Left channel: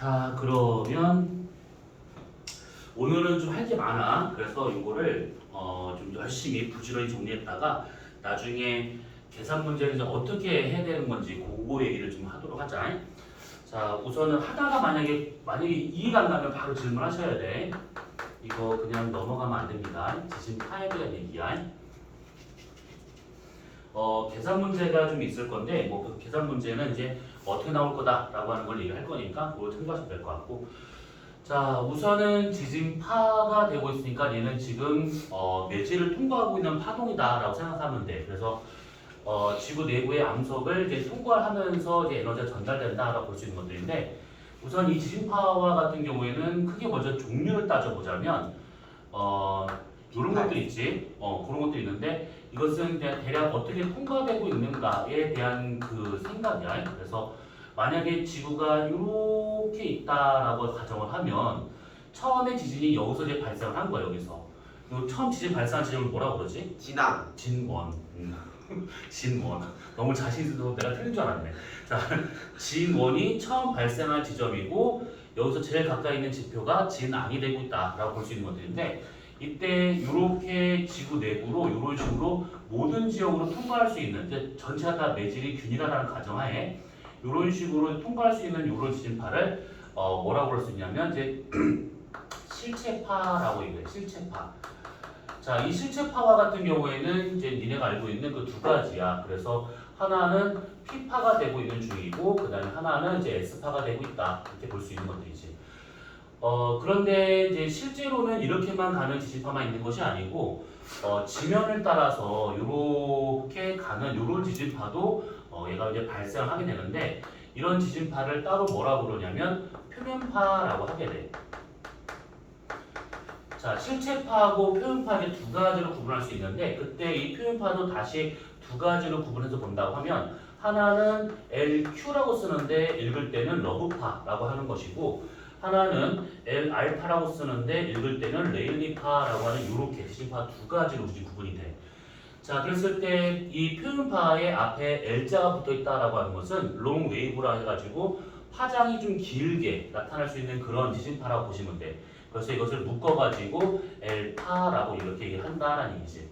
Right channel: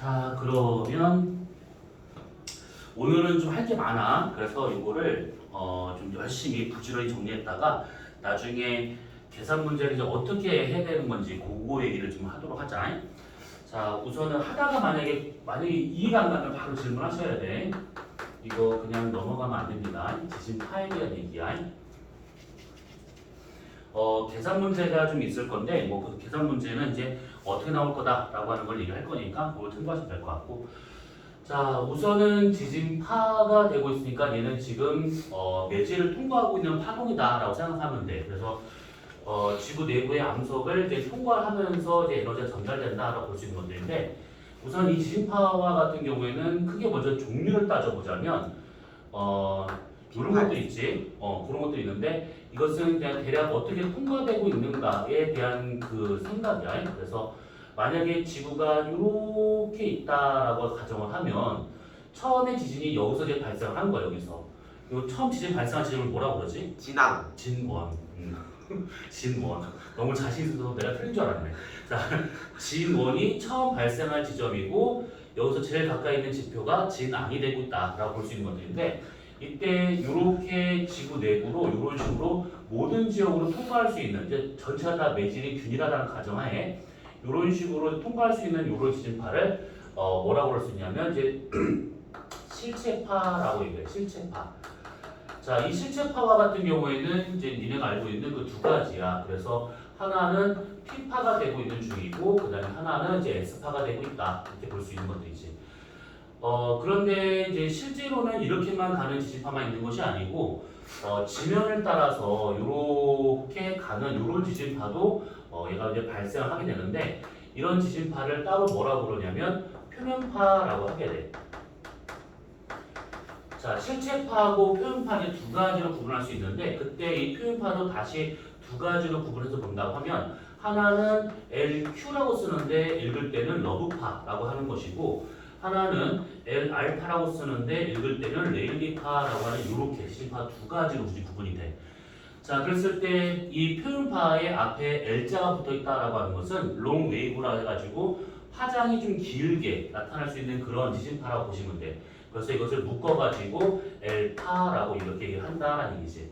자, 그러면 오늘은 좀 할 게 많아. 그래서 이거를 좀 열심히 부지런히 정리했다가 나중에 계산 문제를 이제 어떻게 해야 되는 건지 그거 얘기를 좀 하도록 하자. 자, 우선은 하다가 만약에 이해가 안 가면 바로 질문하셔야 돼. 이거 그냥 넘어가면 안 됩니다. 지진 파에 대한 얘기야. 계산 문제가 좀 있을 건데 뭐 그 계산 문제는 이제 어떻게 나올 거다라고 하는 걸 얘기할 거니까 그걸 참고하시면 될 것 같고. 자, 우선은 지진파가 되고 있으니까 얘는 지금 매지를 통과하고 있는 파동이다라고 생각하면 돼. 그래서 지구 내부의 암석을 이제 통과하면서 이제 에너지가 전달된다라고 볼 수 있는 것들인데, 우선 이 지진파와 같은 경우에는 크게 먼저 종류를 따져보자면 이런 것도 있지. 그런 것도 있는데 이것은 그냥 대략 어떻게 통과되고 있는가에 대한 그 생각이야. 그래서 만약에 지구가 이렇게 있다라고 가정을 하면 처음에 지진이 여기서 이제 발생을 한 거야. 여기서 이 처음 지진 발생한 지점을 뭐라고 그러지? 진앙. 진원. 진원. 너무 자신 있어서 내가 틀린 줄 알았네. 자, 진원이 처음 발생한 지점이고 여기서 제일 가까이 있는 지표가 진앙이 되고 있다라고 볼 수 있는 것들인데, 이때 이렇게 지구 내부로 이런 식으로 모든 지역으로 통과할 수 있는, 이제 전체가 다 매질이 균일하다는 가정하에 이런 식으로 통과할 수 있는 이런 지진파를 뭐라고 할 수 있냐면 이제 실체파라고 얘기해요. 실체파. 자, 이 실체파와 같은 경우에는 이제 니네가 알고 있는 그 두 가지야. 그래서 하나는 P파가 되고 있는 중이고, 그다음에 하나는 이제 S파가 되고 있다. 이렇게 볼 수 있는 것들이지. 그런데 이제 실제로는 이렇게만 가는 지진파만 있는 것이 아니고, 지면을 따라서 이렇게 가는 이런 지진파도 얘가 이제 발생을 하게 되는데, 이런 지진파를 따로 뭐라고 그러냐면 표면파라고 하게 돼. 자, 실체파하고 표면파 이제 두 가지로 구분할 수 있는데, 그때 이 표면파도 다시 두 가지로 구분해서 본다고 하면, 하나는 LQ라고 쓰는데 읽을 때는 러브파라고 하는 것이고, 하나는 L알파라고 쓰는데 읽을 때는 레일리파라고 하는 이렇게 지진파 두 가지로 구분이 돼. 자, 그랬을 때 이 표면파의 앞에 L자가 붙어 있다라고 하는 것은 롱 웨이브라 해가지고 파장이 좀 길게 나타날 수 있는 그런 지진파라고 보시면 돼. 그래서 이것을 묶어가지고 L파라고 이렇게 얘기한다라는 얘기지.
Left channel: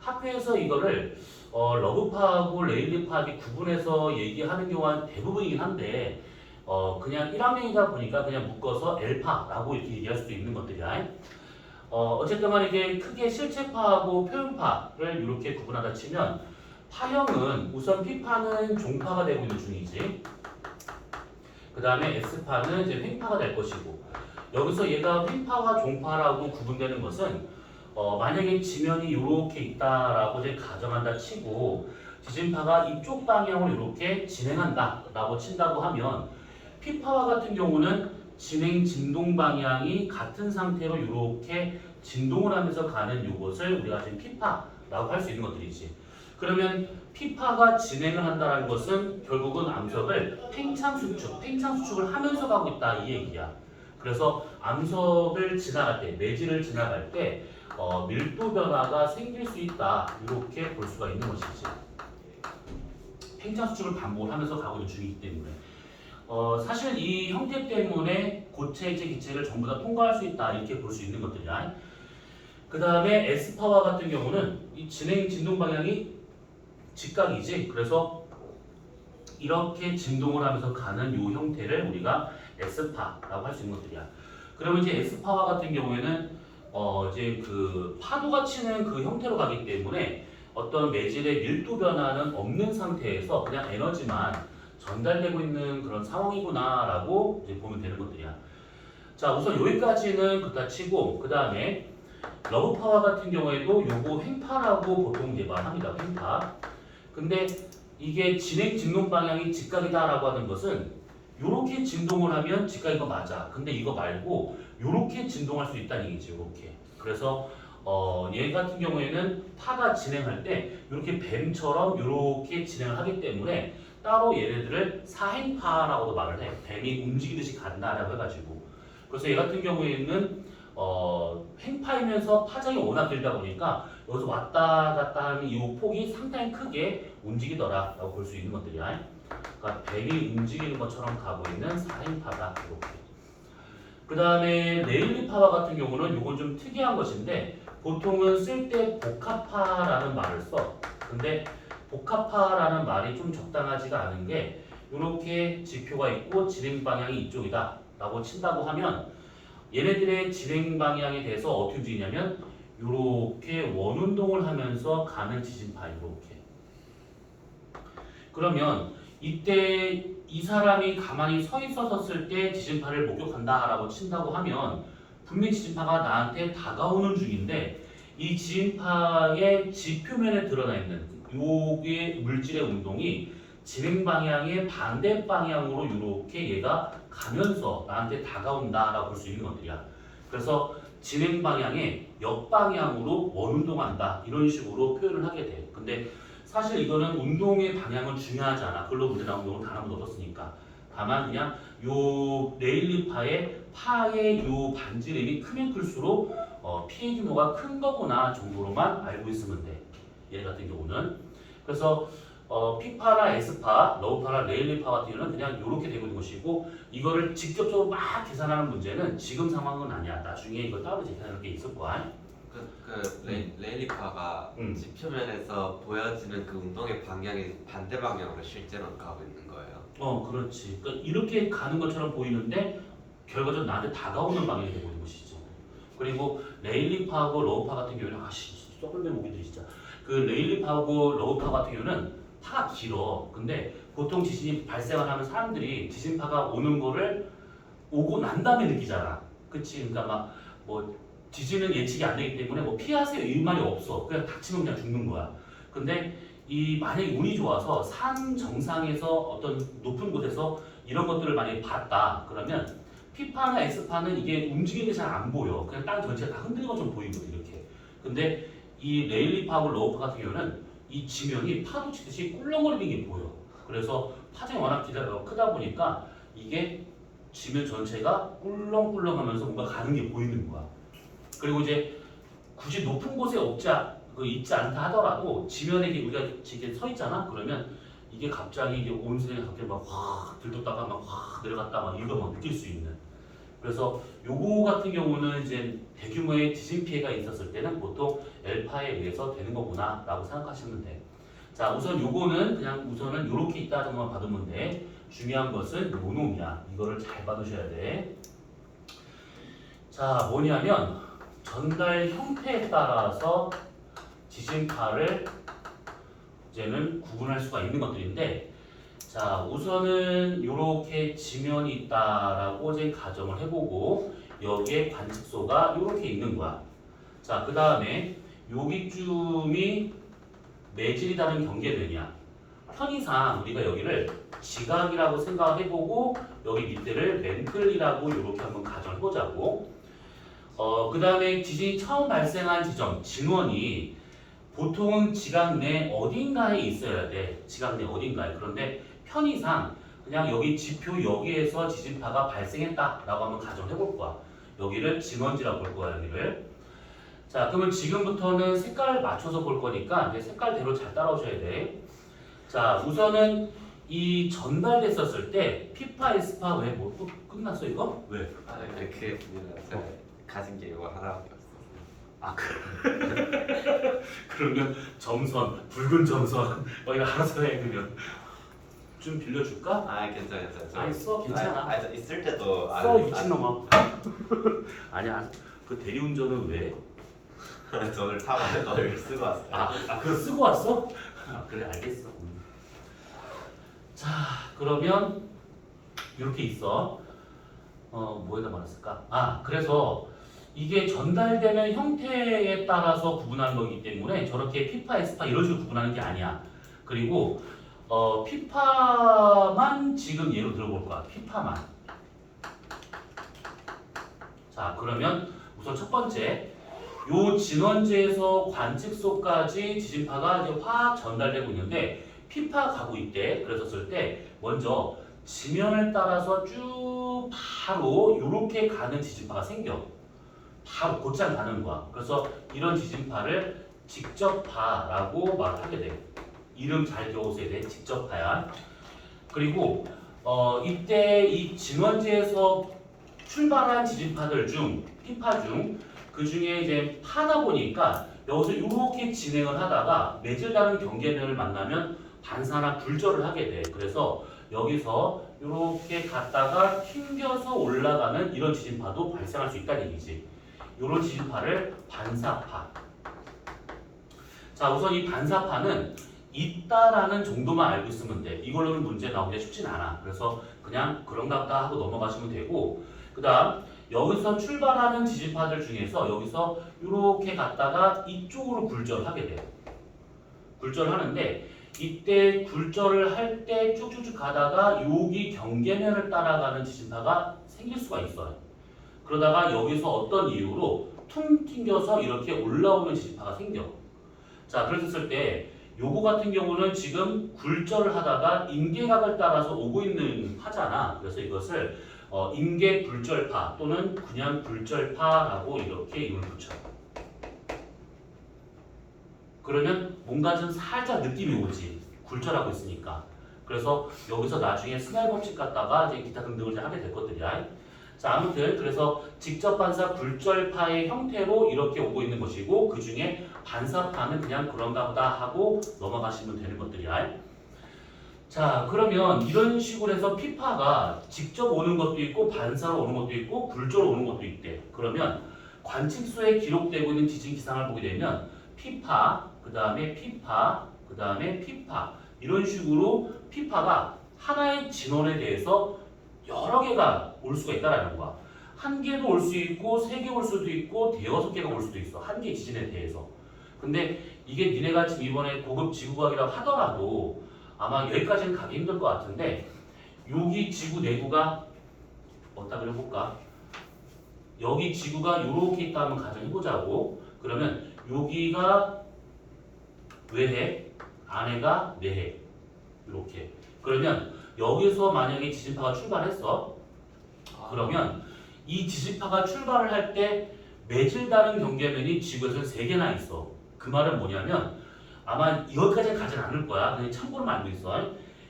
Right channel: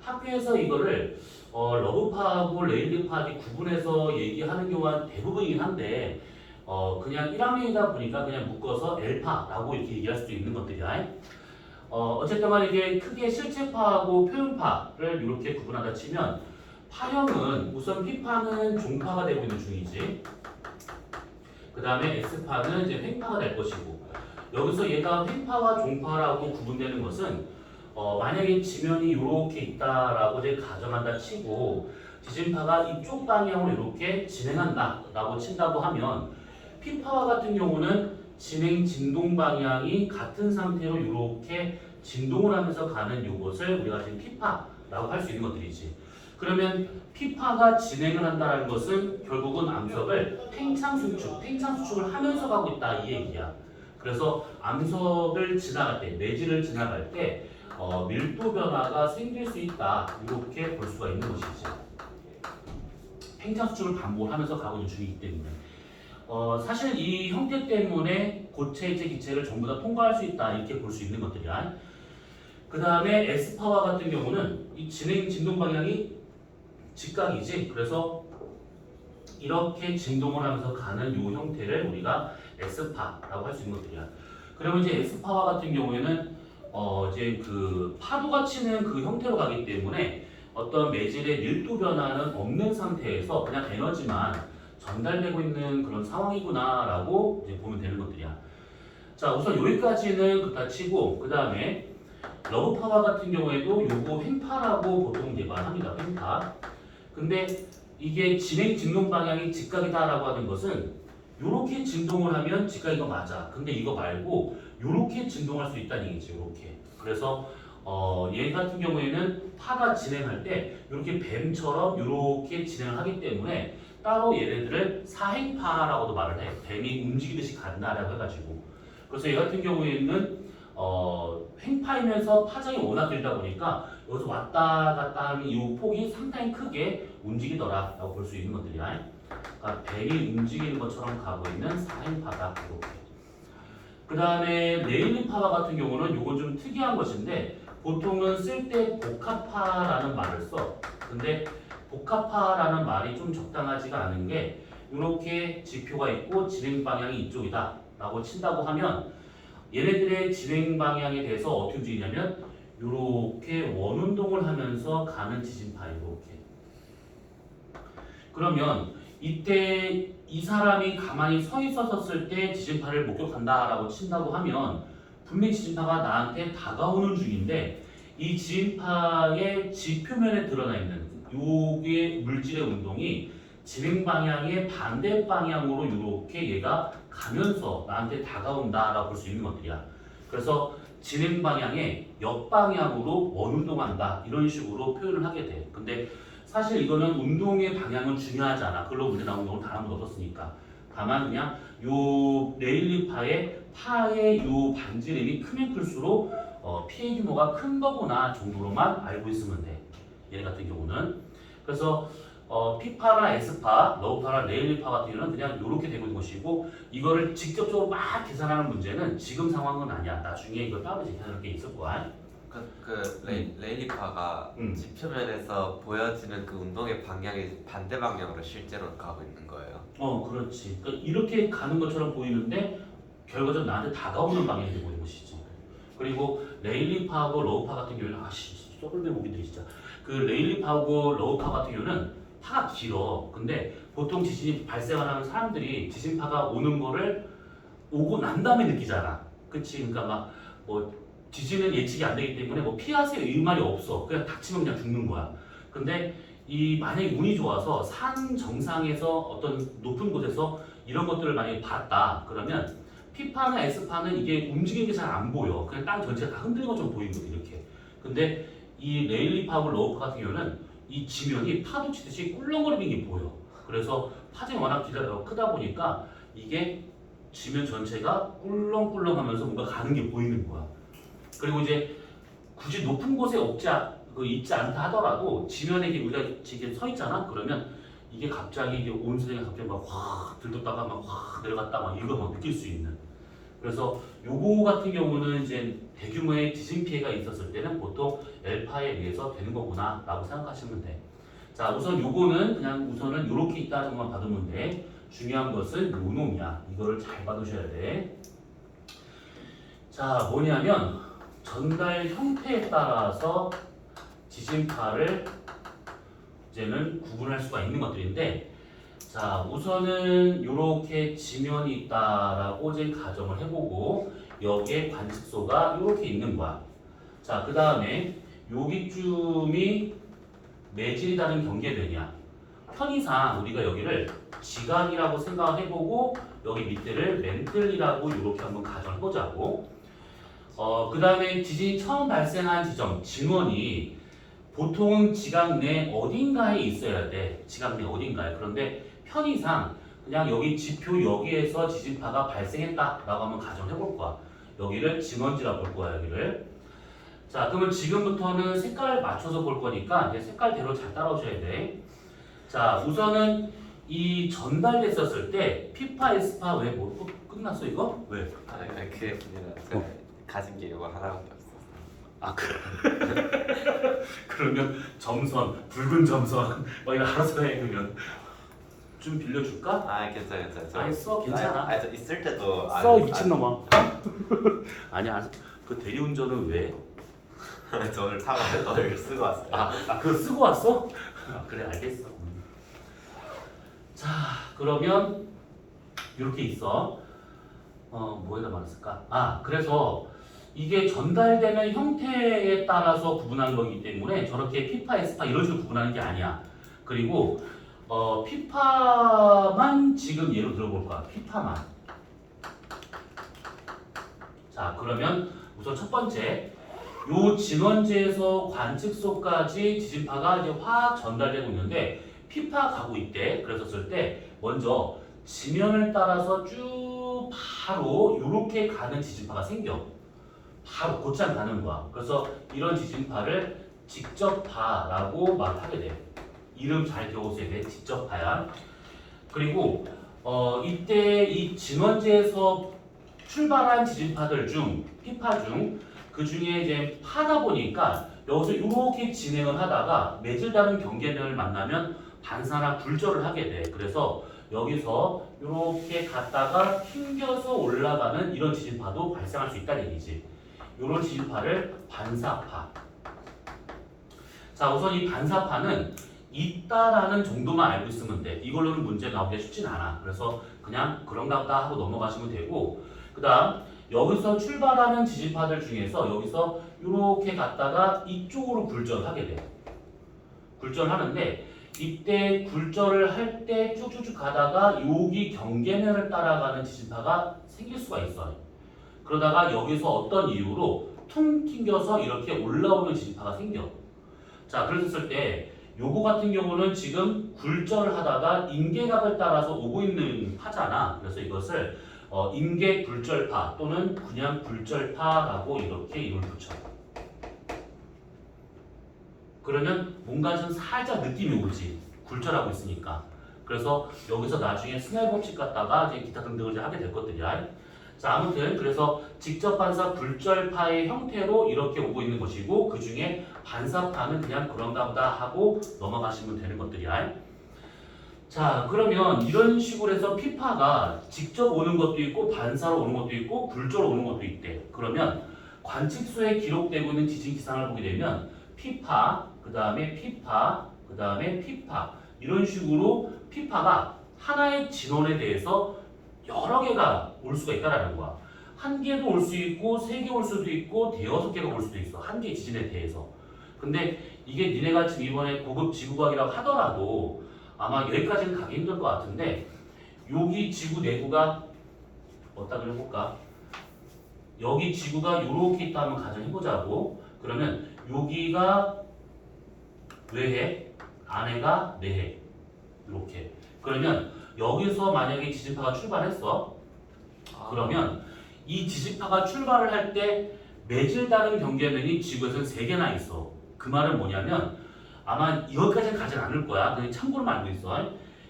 학교에서 이거를 러브파하고 레일리파 구분해서 얘기하는 경우가 대부분이긴 한데, 그냥 1학년이다 보니까 그냥 묶어서 L파라고 이렇게 얘기할 수도 있는 것들이야. 어쨌든 간에 이게 크게 실체파하고 표면파를 이렇게 구분하다 치면, 파형은 우선 P파는 종파가 되고 있는 중이지. 그 다음에 S파는 이제 횡파가 될 것이고, 여기서 얘가 횡파와 종파라고 구분되는 것은 만약에 지면이 이렇게 있다라고 이제 가정한다 치고, 지진파가 이쪽 방향으로 이렇게 진행한다라고 친다고 하면, P파와 같은 경우는 진행 진동 방향이 같은 상태로 이렇게 진동을 하면서 가는 이것을 우리가 지금 P파라고 할 수 있는 것들이지. 그러면 P파가 진행을 한다는 것은 결국은 암석을 팽창수축을 하면서 가고 있다 이 얘기야. 그래서 암석을 지나갈 때, 매질을 지나갈 때 밀도 변화가 생길 수 있다 이렇게 볼 수가 있는 것이지. 팽창수축을 반복을 하면서 가고 있는 중이기 때문에. 사실 이 형태 때문에 고체이체 기체를 전부 다 통과할 수 있다 이렇게 볼 수 있는 것들이야. 그 다음에 S파와 같은 경우는 이 진행 진동 방향이 직각이지. 그래서 이렇게 진동을 하면서 가는 이 형태를 우리가 S파라고 할 수 있는 것들이야. 그러면 이제 S파와 같은 경우에는 이제 그 파도가 치는 그 형태로 가기 때문에 어떤 매질의 밀도 변화는 없는 상태에서 그냥 에너지만 전달되고 있는 그런 상황이구나라고 이제 보면 되는 것들이야. 자, 우선 여기까지는 그렇다 치고, 그 다음에 러브파와 같은 경우에도 요거 횡파라고 보통 이제 말합니다. 횡파. 근데 이게 진행 진동 방향이 직각이다라고 하는 것은 요렇게 진동을 하면 직각인 거 맞아. 근데 이거 말고 요렇게 진동할 수 있다는 얘기지. 요렇게. 그래서 얘 같은 경우에는 파가 진행할 때 이렇게 뱀처럼 이렇게 진행을 하기 때문에 따로 얘네들을 사행파라고도 말을 해. 뱀이 움직이듯이 간다라고 해가지고. 그래서 얘 같은 경우에는 횡파이면서 파장이 워낙 길다 보니까 여기서 왔다 갔다 하는 이 폭이 상당히 크게 움직이더라라고 볼 수 있는 것들이야. 그러니까 뱀이 움직이는 것처럼 가고 있는 사행파다 이렇게. 그 다음에 레일리파와 같은 경우는 이건 좀 특이한 것인데 보통은 쓸 때 복합파라는 말을 써. 근데 복합파라는 말이 좀 적당하지가 않은 게 이렇게 지표가 있고 진행 방향이 이쪽이다 라고 친다고 하면 얘네들의 진행 방향에 대해서 어떻게 움직이냐면 이렇게 원운동을 하면서 가는 지진파 이렇게. 그러면 이때 이 사람이 가만히 서 있었을 때 지진파를 목격한다라고 친다고 하면 분명히 지진파가 나한테 다가오는 중인데 이 지진파의 지표면에 드러나 있는 요게 물질의 운동이 진행 방향의 반대 방향으로 이렇게 얘가 가면서 나한테 다가온다라고 볼 수 있는 것들이야. 그래서 진행 방향의 역방향으로 원운동한다 이런 식으로 표현을 하게 돼. 근데 사실 이거는 운동의 방향은 중요하지 않아. 글로 문제 나온 경우는 단 한 번도 없었으니까. 다만 그냥 요 레일리파의 파의 요 반지름이 크면 클수록 피해 규모가 큰 거구나 정도로만 알고 있으면 돼. 얘네 같은 경우는. 그래서 P파나 S파, 러브파나 레일리파 같은 경우는 그냥 이렇게 되고 있는 것이고 이거를 직접적으로 막 계산하는 문제는 지금 상황은 아니야. 나중에 이거 따로 계산할 게 있을 거야. 레일리파가 지표면에서 보여지는 그 운동의 방향이 반대 방향으로 실제로 가고 있는 거예요. 그렇지. 그러니까 이렇게 가는 것처럼 보이는데 결과적으로 나한테 다가오는 방향이 되고 있는 것이지. 그리고 레일리파하고 러브파 같은 경우는 썩을매 모기들이 진짜. 그 레일리파하고 러브파 같은 경우는 파가 길어. 근데 보통 지진이 발생을 하면 사람들이 지진파가 오는 거를 오고 난 다음에 느끼잖아. 그치? 그러니까 막 뭐 지진은 예측이 안 되기 때문에 뭐 피하세요 이 말이 없어. 그냥 닥치면 그냥 죽는 거야. 근데 이 만약에 운이 좋아서 산 정상에서 어떤 높은 곳에서 이런 것들을 만약에 봤다 그러면 P파나 S파는 이게 움직이는 게 잘 안 보여. 그냥 땅 전체가 다 흔들린 것처럼 보이거든 이렇게. 근데 이 레일리파하고 러브파 같은 경우는 이 지면이 파도 치듯이 꿀렁거리는 게 보여. 그래서 파장이 워낙 크다 보니까 이게 지면 전체가 꿀렁꿀렁하면서 뭔가 가는 게 보이는 거야. 그리고 이제 굳이 높은 곳에 있지 않다 하더라도 지면에 이제 우리가 이렇게 서 있잖아. 그러면 이게 갑자기 이제 온 세상이 갑자기 막 확 들떴다가 막 확 내려갔다 막 이거 막 느낄 수 있는. 그래서 요거 같은 경우는 이제 대규모의 지진 피해가 있었을 때는 보통 엘파에 의해서 되는 거구나라고 생각하시면 돼. 자, 우선 요거는 그냥 우선은 요렇게 있다 정도만 받으면 돼. 중요한 것은 요 놈이야. 이거를 잘 받으셔야 돼. 자, 뭐냐면 전달 형태에 따라서 지진파를 이제는 구분할 수가 있는 것들인데, 자, 우선은 이렇게 지면이 있다라고 이제 가정을 해보고 여기에 관측소가 이렇게 있는 거야. 자, 그 다음에 여기쯤이 매질이 다른 경계되냐? 편의상 우리가 여기를 지각이라고 생각해보고 여기 밑에를 멘틀이라고 이렇게 한번 가정해보자고. 그 다음에 지진이 처음 발생한 지점, 진원이 보통은 지각 내 어딘가에 있어야 돼. 지각 내 어딘가에. 그런데 편의상 그냥 여기 지표 여기에서 지진파가 발생했다라고 한번 가정해볼 거야. 여기를 진원지라고 볼 거야, 여기를. 자, 그러면 지금부터는 색깔을 맞춰서 볼 거니까 이제 색깔대로 잘 따라오셔야 돼. 자, 우선은 이 전달됐었을 때 P파, S파 왜 뭐 끝났어 이거? 왜? 그게 제가 가진 게 이거 하나밖에 없어요. 아, 그래. 그러면 점선, 붉은 점선 이거 알아서 해 그러면. 좀 빌려줄까? 괜찮아요. 아니 써 괜찮아. 있을 때도 써 미친놈아. 아니야. 그 대리운전은 왜? 저를 타고 너를 쓰고 왔어요. 그거 쓰고 왔어? 그래 알겠어. 자, 그러면 이렇게 있어. 뭐에다 말했을까? 그래서 이게 전달되는 형태에 따라서 구분하는 거기 때문에 저렇게 P파, S파 이런 식으로 구분하는 게 아니야. 그리고 P파만 지금 예로 들어볼 거야. P파만. 자, 그러면 우선 첫 번째 요 진원지에서 관측소까지 지진파가 이제 확 전달되고 있는데 P파 가고 있대. 그랬었을 때 먼저 지면을 따라서 쭉 바로 이렇게 가는 지진파가 생겨. 바로 곧장 가는 거야. 그래서 이런 지진파를 직접파라고 말하게 돼. 이름 잘 들어오셔야 돼. 직접파야. 그리고 이때 이 진원지에서 출발한 지진파들 중 피파 중 그 중에 이제 파다 보니까 여기서 이렇게 진행을 하다가 매질다른 경계면을 만나면 반사나 굴절을 하게 돼. 그래서 여기서 이렇게 갔다가 튕겨서 올라가는 이런 지진파도 발생할 수 있다는 얘기지. 이런 지진파를 반사파. 자, 우선 이 반사파는 있다라는 정도만 알고 있으면 돼. 이걸로는 문제 나오기가 쉽진 않아. 그래서 그냥 그런가 보다 하고 넘어가시면 되고, 그 다음 여기서 출발하는 지진파들 중에서 여기서 이렇게 갔다가 이쪽으로 굴절하게 돼. 굴절하는데 이때 굴절을 할 때 쭉쭉쭉 가다가 여기 경계면을 따라가는 지진파가 생길 수가 있어요. 그러다가 여기서 어떤 이유로 퉁 튕겨서 이렇게 올라오는 지진파가 생겨. 자, 그랬을 때 요거 같은 경우는 지금 굴절을 하다가 임계각을 따라서 오고 있는 파잖아. 그래서 이것을 임계 굴절파 또는 그냥 굴절파라고 이렇게 이름을 붙여. 그러면 뭔가 좀 살짝 느낌이 오지. 굴절하고 있으니까. 그래서 여기서 나중에 스넬 법칙 갖다가 이제 기타 등등을 하게 될 것들이야. 자, 아무튼 그래서 직접 반사 굴절파의 형태로 이렇게 오고 있는 것이고 그 중에 반사파는 그냥 그런가 보다 하고 넘어가시면 되는 것들이야. 자, 그러면 이런 식으로 해서 피파가 직접 오는 것도 있고 반사로 오는 것도 있고 굴절로 오는 것도 있대. 그러면 관측소에 기록되고 있는 지진 기상을 보게 되면 피파, 그 다음에 피파, 그 다음에 피파 이런 식으로 피파가 하나의 진원에 대해서 여러 개가 올 수가 있다라는 거야. 한 개도 올 수 있고 세 개 올 수도 있고 대여섯 개가 올 수도 있어. 한 개의 지진에 대해서. 근데 이게 니네가 지금 이번에 고급 지구과학이라고 하더라도 아마 여기까지는 가기 힘들 것 같은데 여기 지구 내부가 어디다 그려볼까? 여기 지구가 이렇게 있다 한번 가정해보자고. 그러면 여기가 외핵, 안에가 내핵 이렇게. 그러면 여기서 만약에 지진파가 출발했어. 그러면 이 지진파가 출발을 할 때 매질다른 경계면이 지구에서는 3개나 있어. 그 말은 뭐냐면 아마 여기까지는 가진 않을 거야. 그냥 참고로만 알고 있어.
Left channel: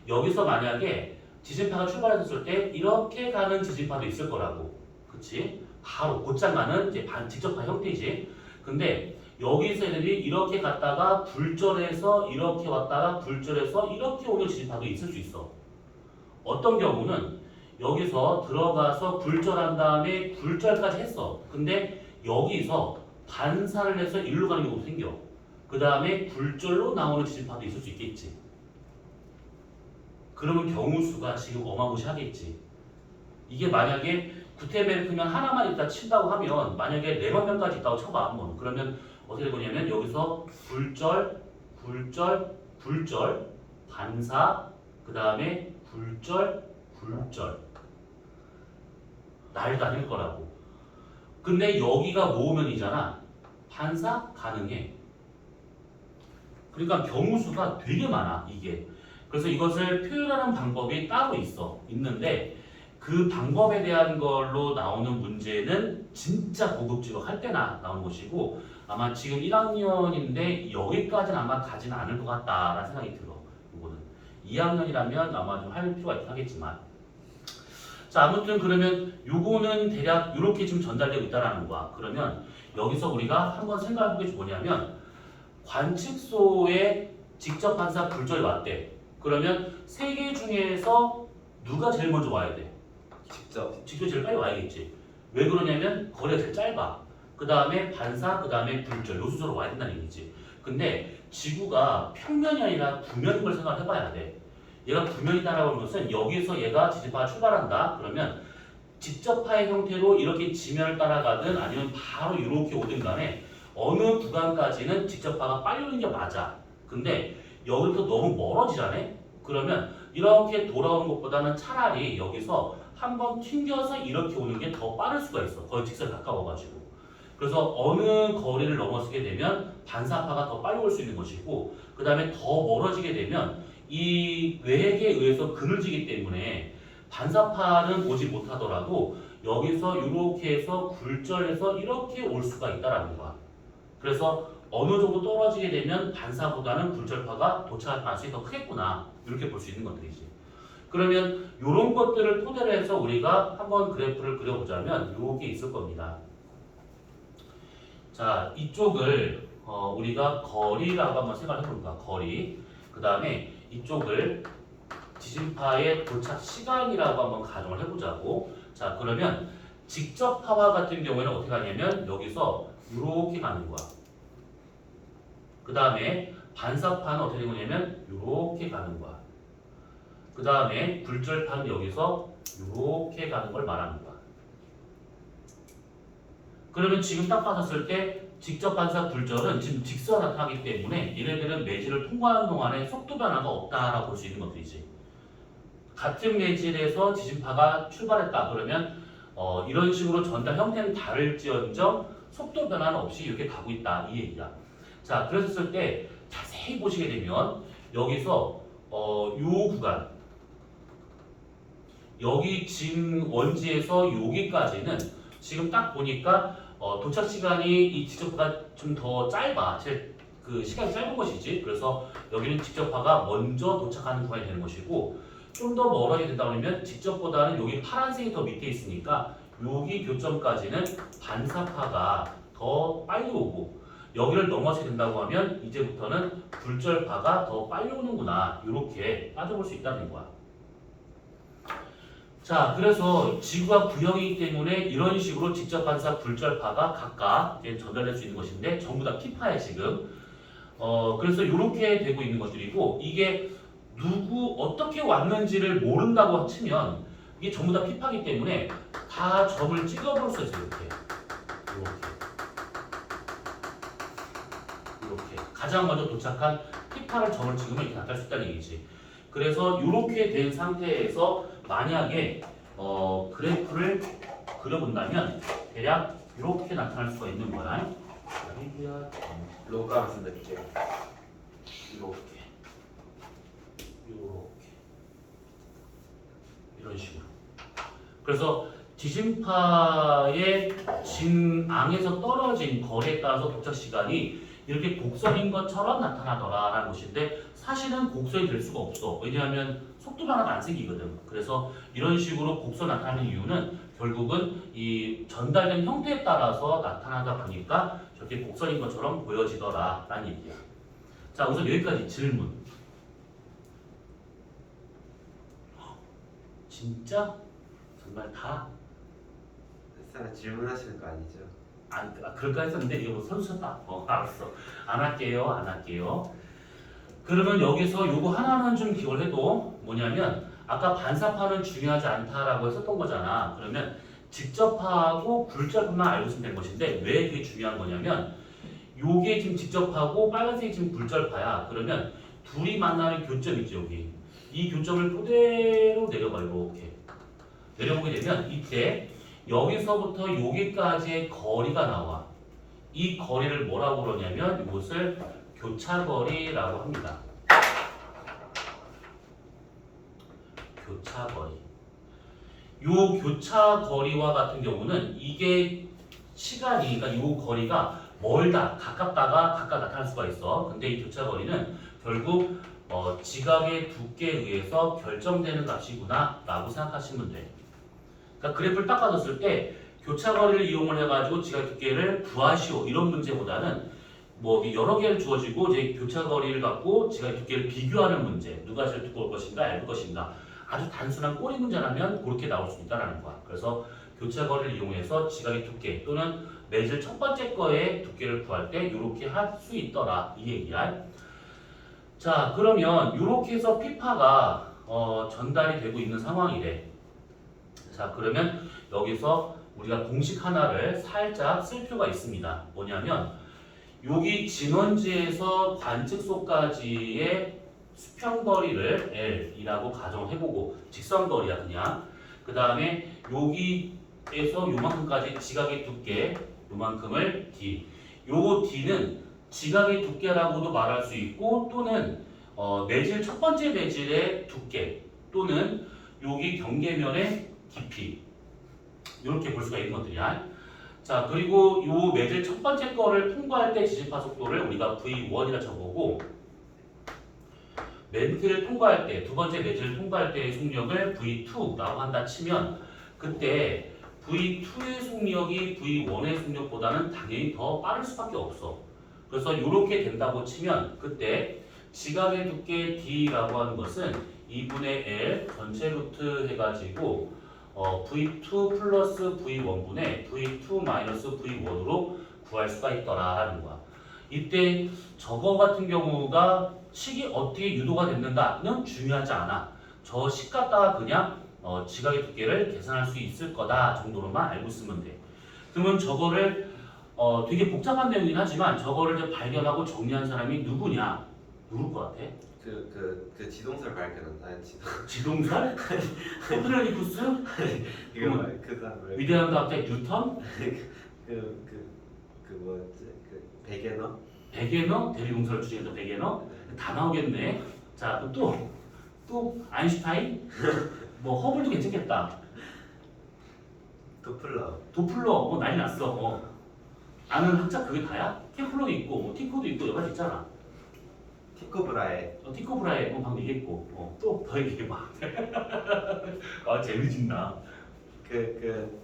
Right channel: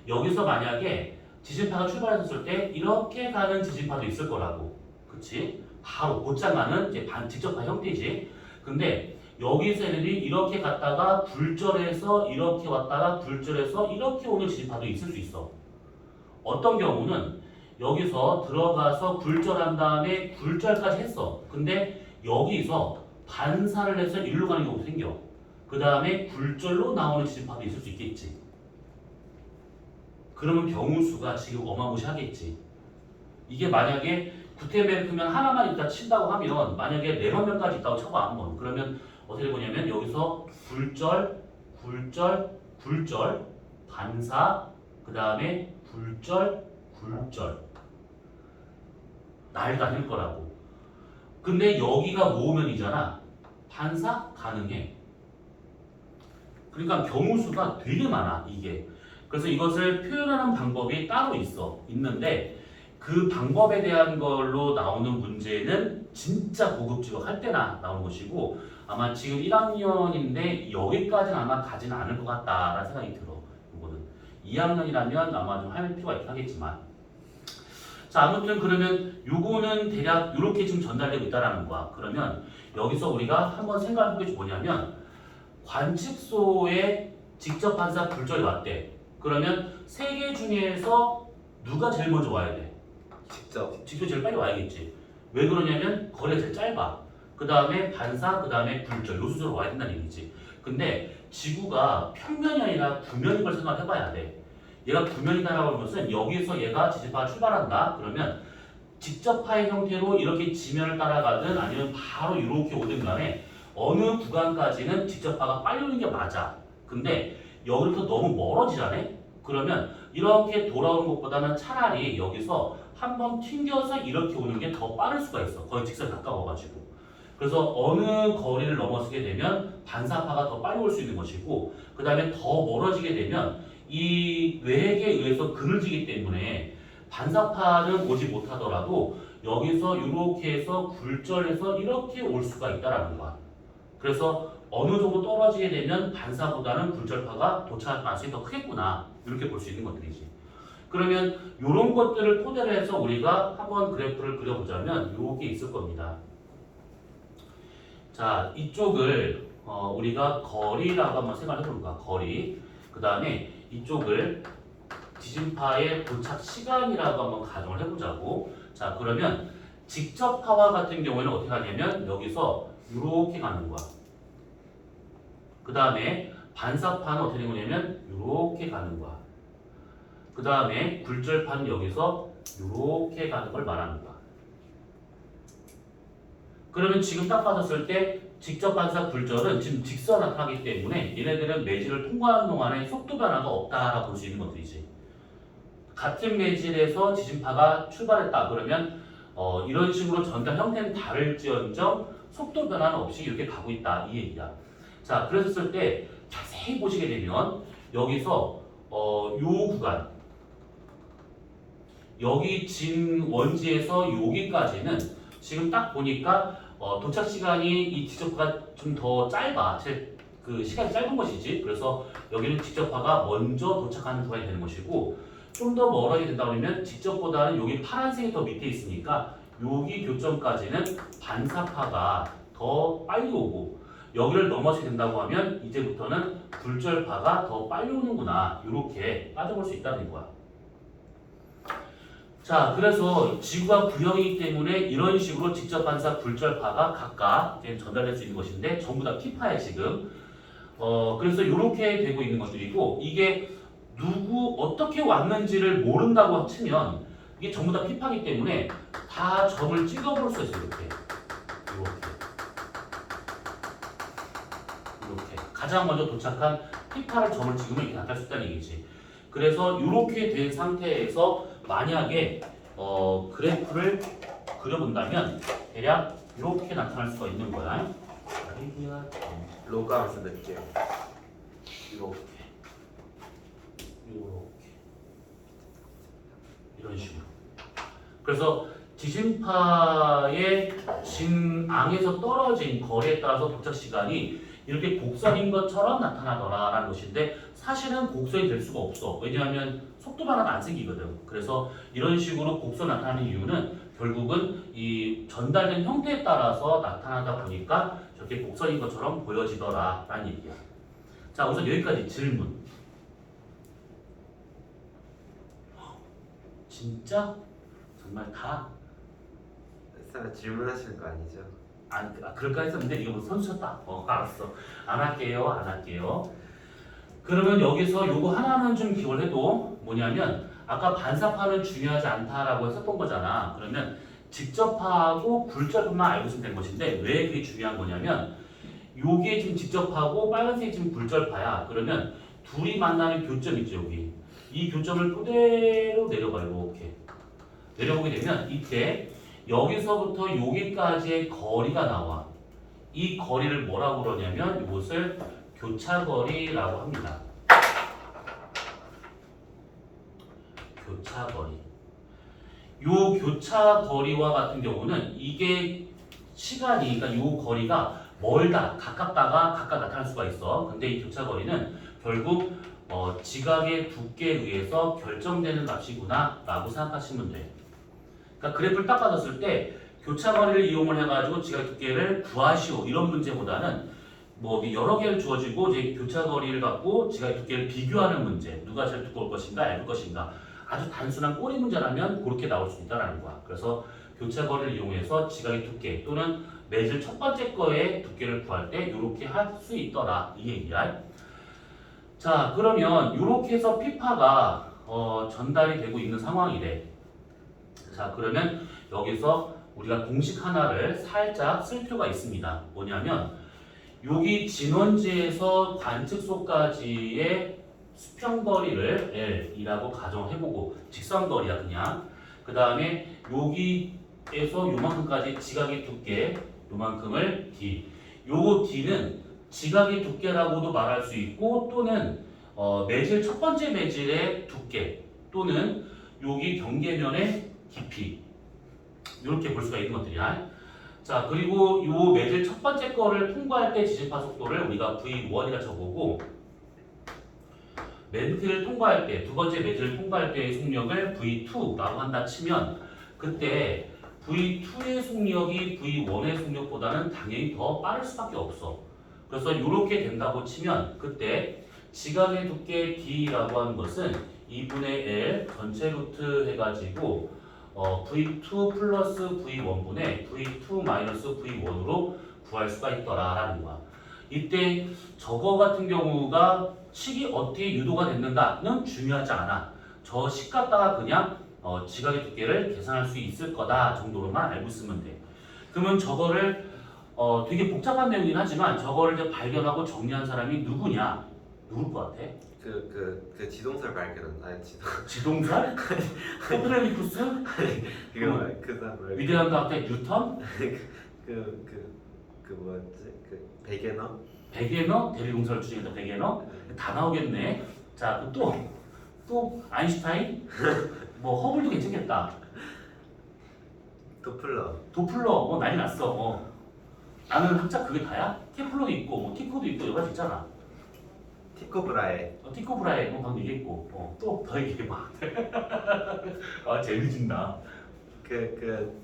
여기서 만약에 지진파가 출발했을 때 이렇게 가는 지진파도 있을 거라고. 그치? 바로 곧장 가는 이제 직접파 형태지. 근데 여기서 애들이 이렇게 갔다가 굴절해서 이렇게 왔다가 굴절해서 이렇게 오는 지진파도 있을 수 있어. 어떤 경우는 여기서 들어가서 굴절한 다음에 굴절까지 했어. 근데 여기서 반사를 해서 일로 가는 경우도 생겨. 그 다음에 굴절로 나오는 지진파도 있을 수 있겠지. 그러면 경우 수가 지금 어마무시하겠지. 이게 만약에 구테베르크면 하나만 있다 친다고 하면 만약에 4만 명까지 있다고 쳐봐 한번. 그러면 어떻게 되냐면 여기서 굴절, 굴절, 굴절, 반사, 그 다음에 굴절, 굴절 날다닐 거라고. 근데 여기가 모으면이잖아. 반사 가능해. 그러니까 경우 수가 되게 많아 이게. 그래서 이것을 표현하는 방법이 따로 있는데 그 방법에 대한 걸로 나오는 문제는 진짜 고급지로 할 때나 나온 것이고 아마 지금 1학년인데 여기까지는 아마 가지는 않을 것 같다라는 생각이 들어. 이거는 2학년이라면 아마 좀 할 필요가 있긴 하겠지만. 자, 아무튼 그러면 요거는 대략 이렇게 지금 전달되고 있다라는 거야. 그러면 여기서 우리가 한번 생각해 보게 뭐냐면 관측소에 직접 반사 굴절이 왔대. 그러면 3개 중에서 누가 제일 먼저 와야 돼? 직접 제일 빨리 와야겠지. 왜 그러냐면 거리가 제일 짧아. 그 다음에 반사, 그 다음에 굴절 요 순서로 와야 된다는 얘기지. 근데 지구가 평면이 아니라 구면인 걸 생각해 봐야 돼. 얘가 구면이다라고 하는 것은 여기서 얘가 지진파가 출발한다. 그러면 직접파의 형태로 이렇게 지면을 따라가든 아니면 바로 이렇게 오든 간에 어느 구간까지는 직접파가 빨리 오는 게 맞아. 근데 여기부터 너무 멀어지잖아. 그러면 이렇게 돌아오는 것보다는 차라리 여기서 한번 튕겨서 이렇게 오는 게 더 빠를 수가 있어. 거의 직선에 가까워가지고. 그래서 어느 거리를 넘어서게 되면 반사파가 더 빨리 올 수 있는 것이고 그 다음에 더 멀어지게 되면 이 외핵에 의해서 그늘지기 때문에 반사파는 오지 못하더라도 여기서 이렇게 해서 굴절해서 이렇게 올 수가 있다라는 거야. 그래서 어느 정도 떨어지게 되면 반사보다는 굴절파가 도착할 가능성이 더 크겠구나 이렇게 볼 수 있는 것들이지. 그러면 이런 것들을 토대로 해서 우리가 한번 그래프를 그려보자면 이게 있을 겁니다. 자, 이쪽을 우리가 거리라고 한번 생각을 해볼까? 거리. 그 다음에 이쪽을 지진파의 도착 시간이라고 한번 가정을 해보자고. 자, 그러면 직접파와 같은 경우에는 어떻게 하냐면 여기서 이렇게 가는 거야. 그 다음에 반사파는 어떻게 되는 거냐면 이렇게 가는 거야. 그 다음에 굴절파는 여기서 이렇게 가는 걸 말합니다. 그러면 지금 딱 봤었을 때 직접 반사 굴절은 지금 직선 나타나기 때문에 얘네들은 매질을 통과하는 동안에 속도 변화가 없다라고 볼 수 있는 것들이지. 같은 매질에서 지진파가 출발했다 그러면 이런 식으로 전달 형태는 다를지언정 속도 변화는 없이 이렇게 가고 있다 이 얘기야. 자, 그랬을 때 자세히 보시게 되면 여기서 요 구간 여기 진 원지에서 여기까지는 지금 딱 보니까 도착 시간이 이 직접파가 좀 더 짧아. 그 시간이 짧은 것이지. 그래서 여기는 직접파가 먼저 도착하는 구간이 되는 것이고 좀 더 멀어야 된다 그러면 직접보다는 여기 파란색이 더 밑에 있으니까 여기 교점까지는 반사파가 더 빨리 오고 여기를 넘어서야 된다고 하면 이제부터는 굴절파가 더 빨리 오는구나. 이렇게 따져볼 수 있다는 거야. 자, 그래서 지구가 구형이기 때문에 이런 식으로 직접 반사 굴절파가 각각 전달될 수 있는 것인데 전부 다 T파에 지금 그래서 이렇게 되고 있는 것들이고 이게 누구 어떻게 왔는지를 모른다고 치면 이게 전부 다 T파이기 때문에 다 점을 찍어볼 수 있어요. 이렇게 가장 먼저 도착한 T파를 점을 찍으면 이렇게 나타날 수 있다는 얘기지. 그래서 이렇게 된 상태에서 만약에 그래프를 그려본다면 대략 이렇게 나타날 수가 있는 거야. 로그하면서 몇개 이렇게 이런 식으로. 그래서 지진파의 진앙에서 떨어진 거리에 따라서 도착 시간이 이렇게 곡선인 것처럼 나타나더라라는 것인데 사실은 곡선이 될 수가 없어. 왜냐하면 속도 변화가 안 생기거든. 그래서 이런 식으로 곡선 나타나는 이유는 결국은 이 전달된 형태에 따라서 나타나다 보니까 저렇게 곡선인 것처럼 보여지더라라는 얘기야. 자, 우선 여기까지 질문. 진짜? 정말 다? 설마 질문하시는 거 아니죠? 그럴까 했었는데 이거 선수다. 알았어. 안 할게요. 그러면 여기서 요거 하나는 좀 기억을 해도 뭐냐면 아까 반사파는 중요하지 않다라고 했었던 거잖아. 그러면 직접파하고 굴절파만 알고 있으면 되는 것인데 왜 그게 중요한 거냐면 요게 지금 직접파고 빨간색이 지금 굴절파야. 그러면 둘이 만나는 교점 있죠 여기. 이 교점을 그대로 내려봐요. 이렇게 내려보게 되면 이때 여기서부터 여기까지의 거리가 나와. 이 거리를 뭐라고 그러냐면 이것을 교차거리라고 합니다. 교차거리. 요 교차거리와 같은 경우는 이게 시간이 그러니까 요 거리가 멀다, 가깝다가 각각 나타날 수가 있어. 근데 이 교차거리는 결국 지각의 두께에 의해서 결정되는 값이구나 라고 생각하시면 돼. 그러니까 그래프를 딱 받았을 때 교차거리를 이용을 해가지고 지각 두께를 구하시오 이런 문제보다는 뭐 여러 개를 주어지고 이제 교차거리를 갖고 지각 두께를 비교하는 문제 누가 제일 두꺼울 것인가 얇을 것인가 아주 단순한 꼬리 문제라면 그렇게 나올 수 있다는 거야. 그래서 교차거리를 이용해서 지각의 두께 또는 매질 첫 번째 거의 두께를 구할 때 이렇게 할 수 있더라 이 얘기야. 자, 그러면 이렇게 해서 P파가 전달이 되고 있는 상황이래. 자, 그러면 여기서 우리가 공식 하나를 살짝 쓸 필요가 있습니다. 뭐냐면 여기 진원지에서 관측소까지의 수평거리를 L이라고 가정을 해보고 직선거리야 그냥. 그 다음에 여기에서 요만큼까지 지각의 두께 요만큼을 D. 요 D는 지각의 두께라고도 말할 수 있고 또는 매질 첫 번째 매질의 두께 또는 여기 경계면의 깊이 이렇게 볼 수가 있는 것들이야. 자, 그리고 요 매질 첫 번째 거를 통과할 때 지진파 속도를 우리가 V1이라 쳐보고 멘트를 통과할 때, 두 번째 매즈를 통과할 때의 속력을 V2라고 한다 치면 그때 V2의 속력이 V1의 속력보다는 당연히 더 빠를 수밖에 없어. 그래서 이렇게 된다고 치면 그때 지각의 두께 D라고 하는 것은 2분의 L 전체 루트 해가지고 V2 플러스 V1분의 V2 마이너스 V1으로 구할 수가 있더라 하는 거야. 이때 저거 같은 경우가 식이 어떻게 유도가 됐는가는 중요하지 않아. 저 식 갖다가 그냥 지각의 두께를 계산할 수 있을 거다 정도로만 알고 있으면 돼. 그러면 저거를 되게 복잡한 내용이긴 하지만 저거를 이제 발견하고 정리한 사람이 누구냐? 누굴 것 같아? 그 지동설 발견한다. 지동설? 코프르니쿠스? 그거 그 사람 위대한 과학자 뉴턴? 그 뭐였지? 그 베게너? 베게너? 대리공설 중에서 베게너? 다 나오겠네. 자, 그럼 또 아인슈타인? 뭐 허블도 괜찮겠다. 도플러 난리 났어. 아는 학자 그게 다야? 케플러도 있고 뭐 티코도 있고 여러 가지 있잖아. 티코 브라에 방금 얘기했고 또 더 얘기해봐. 아 재미진다.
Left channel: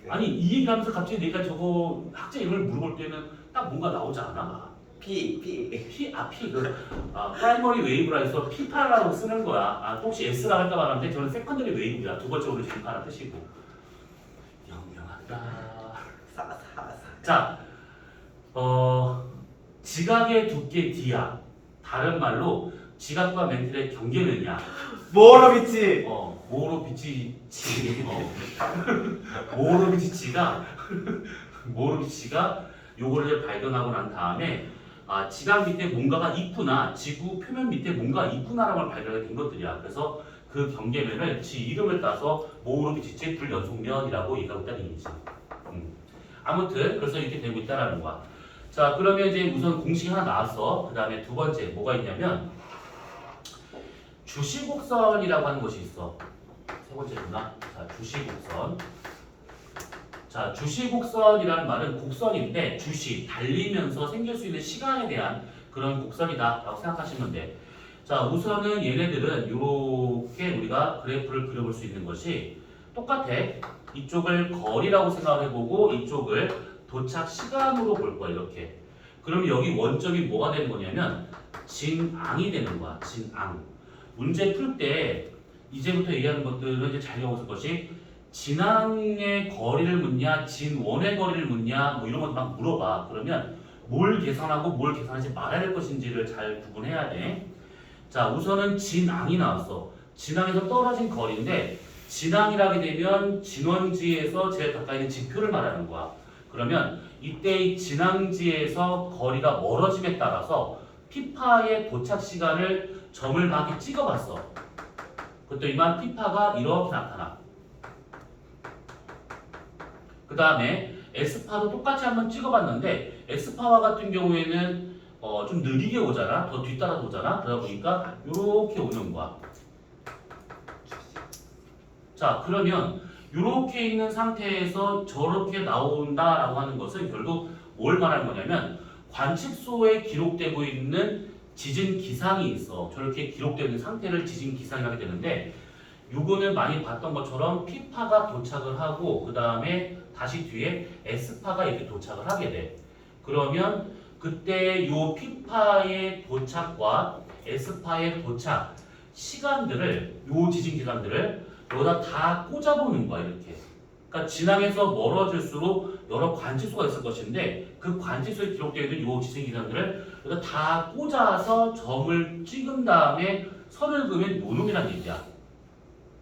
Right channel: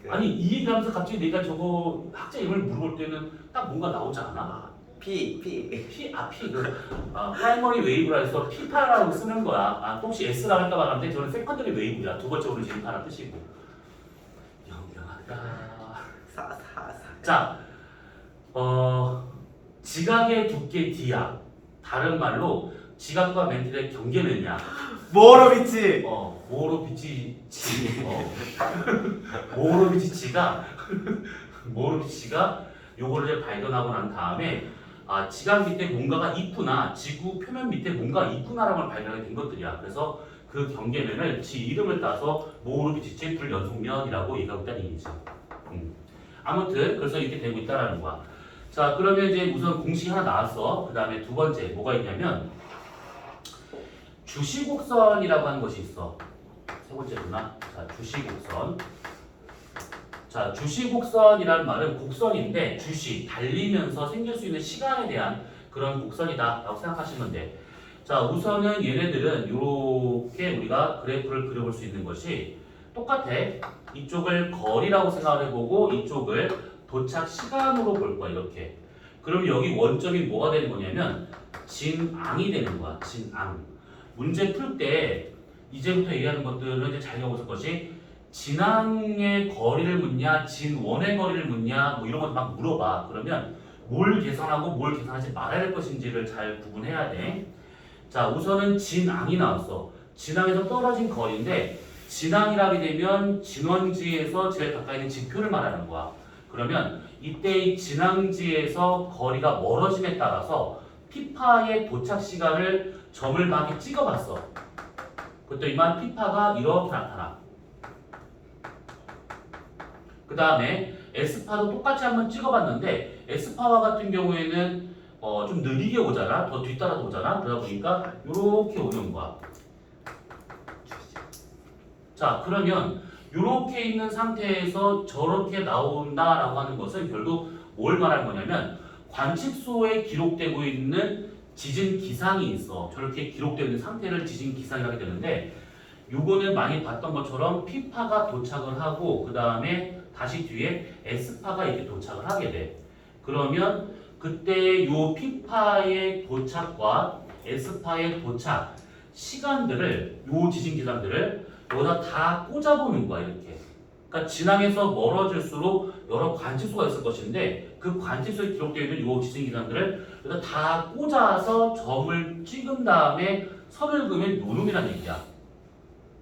아니 이 얘기하면서 갑자기 내가 저거 학자 이름을 물어볼 때는 딱 뭔가 나오지 않아? P 프라이머리 웨이브라 해서 P파라고 쓰는 거야. 또 혹시 S라고 할까 말하는데 저는 세컨더리 웨이브야. 두 번째 오는 진파라는 뜻이고. 영영하다. 자, 지각의 두께 D야. 다른 말로 지각과 멘틀의 경계는야. 모로비치. 모로비치가 요거를 발견하고 난 다음에 지각 밑에 뭔가가 있구나, 지구 표면 밑에 뭔가가 있구나라는 걸 발견하게 된 것들이야. 그래서 그 경계면을 지 이름을 따서 모로비치의 불연속면이라고 얘기하고 있다는 얘기지. 아무튼 그래서 이렇게 되고 있다라는 거야. 자, 그러면 이제 우선 공식이 하나 나왔어. 그 다음에 두 번째 뭐가 있냐면 주시곡선이라고 하는 것이 있어. 세 번째구나. 자, 주시곡선. 자, 주시곡선이라는 말은 곡선인데 주시, 달리면서 생길 수 있는 시간에 대한 그런 곡선이다 라고 생각하시면 돼. 자, 우선은 얘네들은 이렇게 우리가 그래프를 그려볼 수 있는 것이 똑같아. 이쪽을 거리라고 생각을 해보고 이쪽을 도착 시간으로 볼 거야. 이렇게. 그럼 여기 원점이 뭐가 되는 거냐면 진앙이 되는 거야. 진앙. 문제 풀 때 이제부터 얘기하는 것들은 이제 잘 배웠을 것이 진앙의 거리를 묻냐, 진원의 거리를 묻냐, 뭐 이런 것 막 물어봐. 그러면 뭘 계산하고 뭘 계산하지 말아야 할 것인지를 잘 구분해야 돼. 자, 우선은 진앙이 나왔어. 진앙에서 떨어진 거리인데 진앙이라게 되면 진원지에서 제일 가까이 있는 지표를 말하는 거야. 그러면 이때 이 진앙지에서 거리가 멀어짐에 따라서 피파의 도착 시간을 점을 막 이렇게 찍어봤어. 그랬더니만 피파가 이렇게 나타나. 그 다음에 S파도 똑같이 한번 찍어봤는데 S파와 같은 경우에는 좀 느리게 오잖아. 더 뒤따라서 오잖아. 그러다 보니까 이렇게 오는 거야. 자, 그러면 이렇게 있는 상태에서 저렇게 나온다라고 하는 것은 결국 뭘 말하는 거냐면 관측소에 기록되고 있는 지진 기상이 있어. 저렇게 기록되어 있는 상태를 지진 기상이라고 되는데 요거는 많이 봤던 것처럼 P파가 도착을 하고 그 다음에 다시 뒤에 S파가 이렇게 도착을 하게 돼. 그러면 그때 요 P파의 도착과 S파의 도착 시간들을 요 지진 기상들을 여기다 다 꽂아보는 거야. 이렇게. 그러니까 진앙에서 멀어질수록 여러 관측소가 있을 것인데 그 관측소에 기록되어 있는 요 지진 기상들을 여기다 다 꽂아서 점을 찍은 다음에 선을 그으면 요 놈이란 얘기야.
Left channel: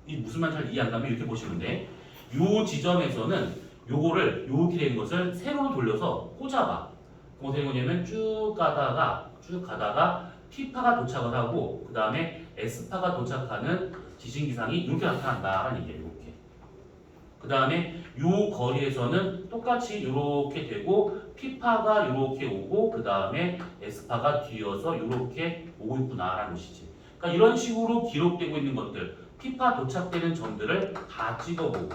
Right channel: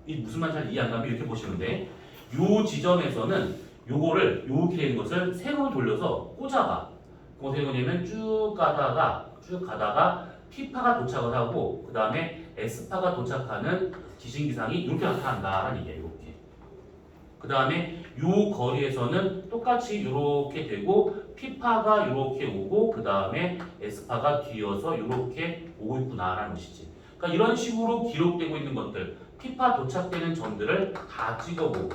이 무슨 말인지 잘 이해 안 가면 이렇게 보시면 돼. 요 지점에서는 요거를 이렇게 된 것을 세로 돌려서 꽂아봐. 그거 어떻게 되냐면 쭉 가다가 T파가 도착을 하고 그 다음에 S파가 도착하는 지진 기상이 이렇게 나타난다라는 얘기예요. 이렇게. 그 다음에 요 거리에서는 똑같이 이렇게 되고 P파가 이렇게 오고 그 다음에 S파가 뒤어서 이렇게 오고 있구나라는 것이지. 그러니까 이런 식으로 기록되고 있는 것들, P파 도착되는 점들을 다 찍어보고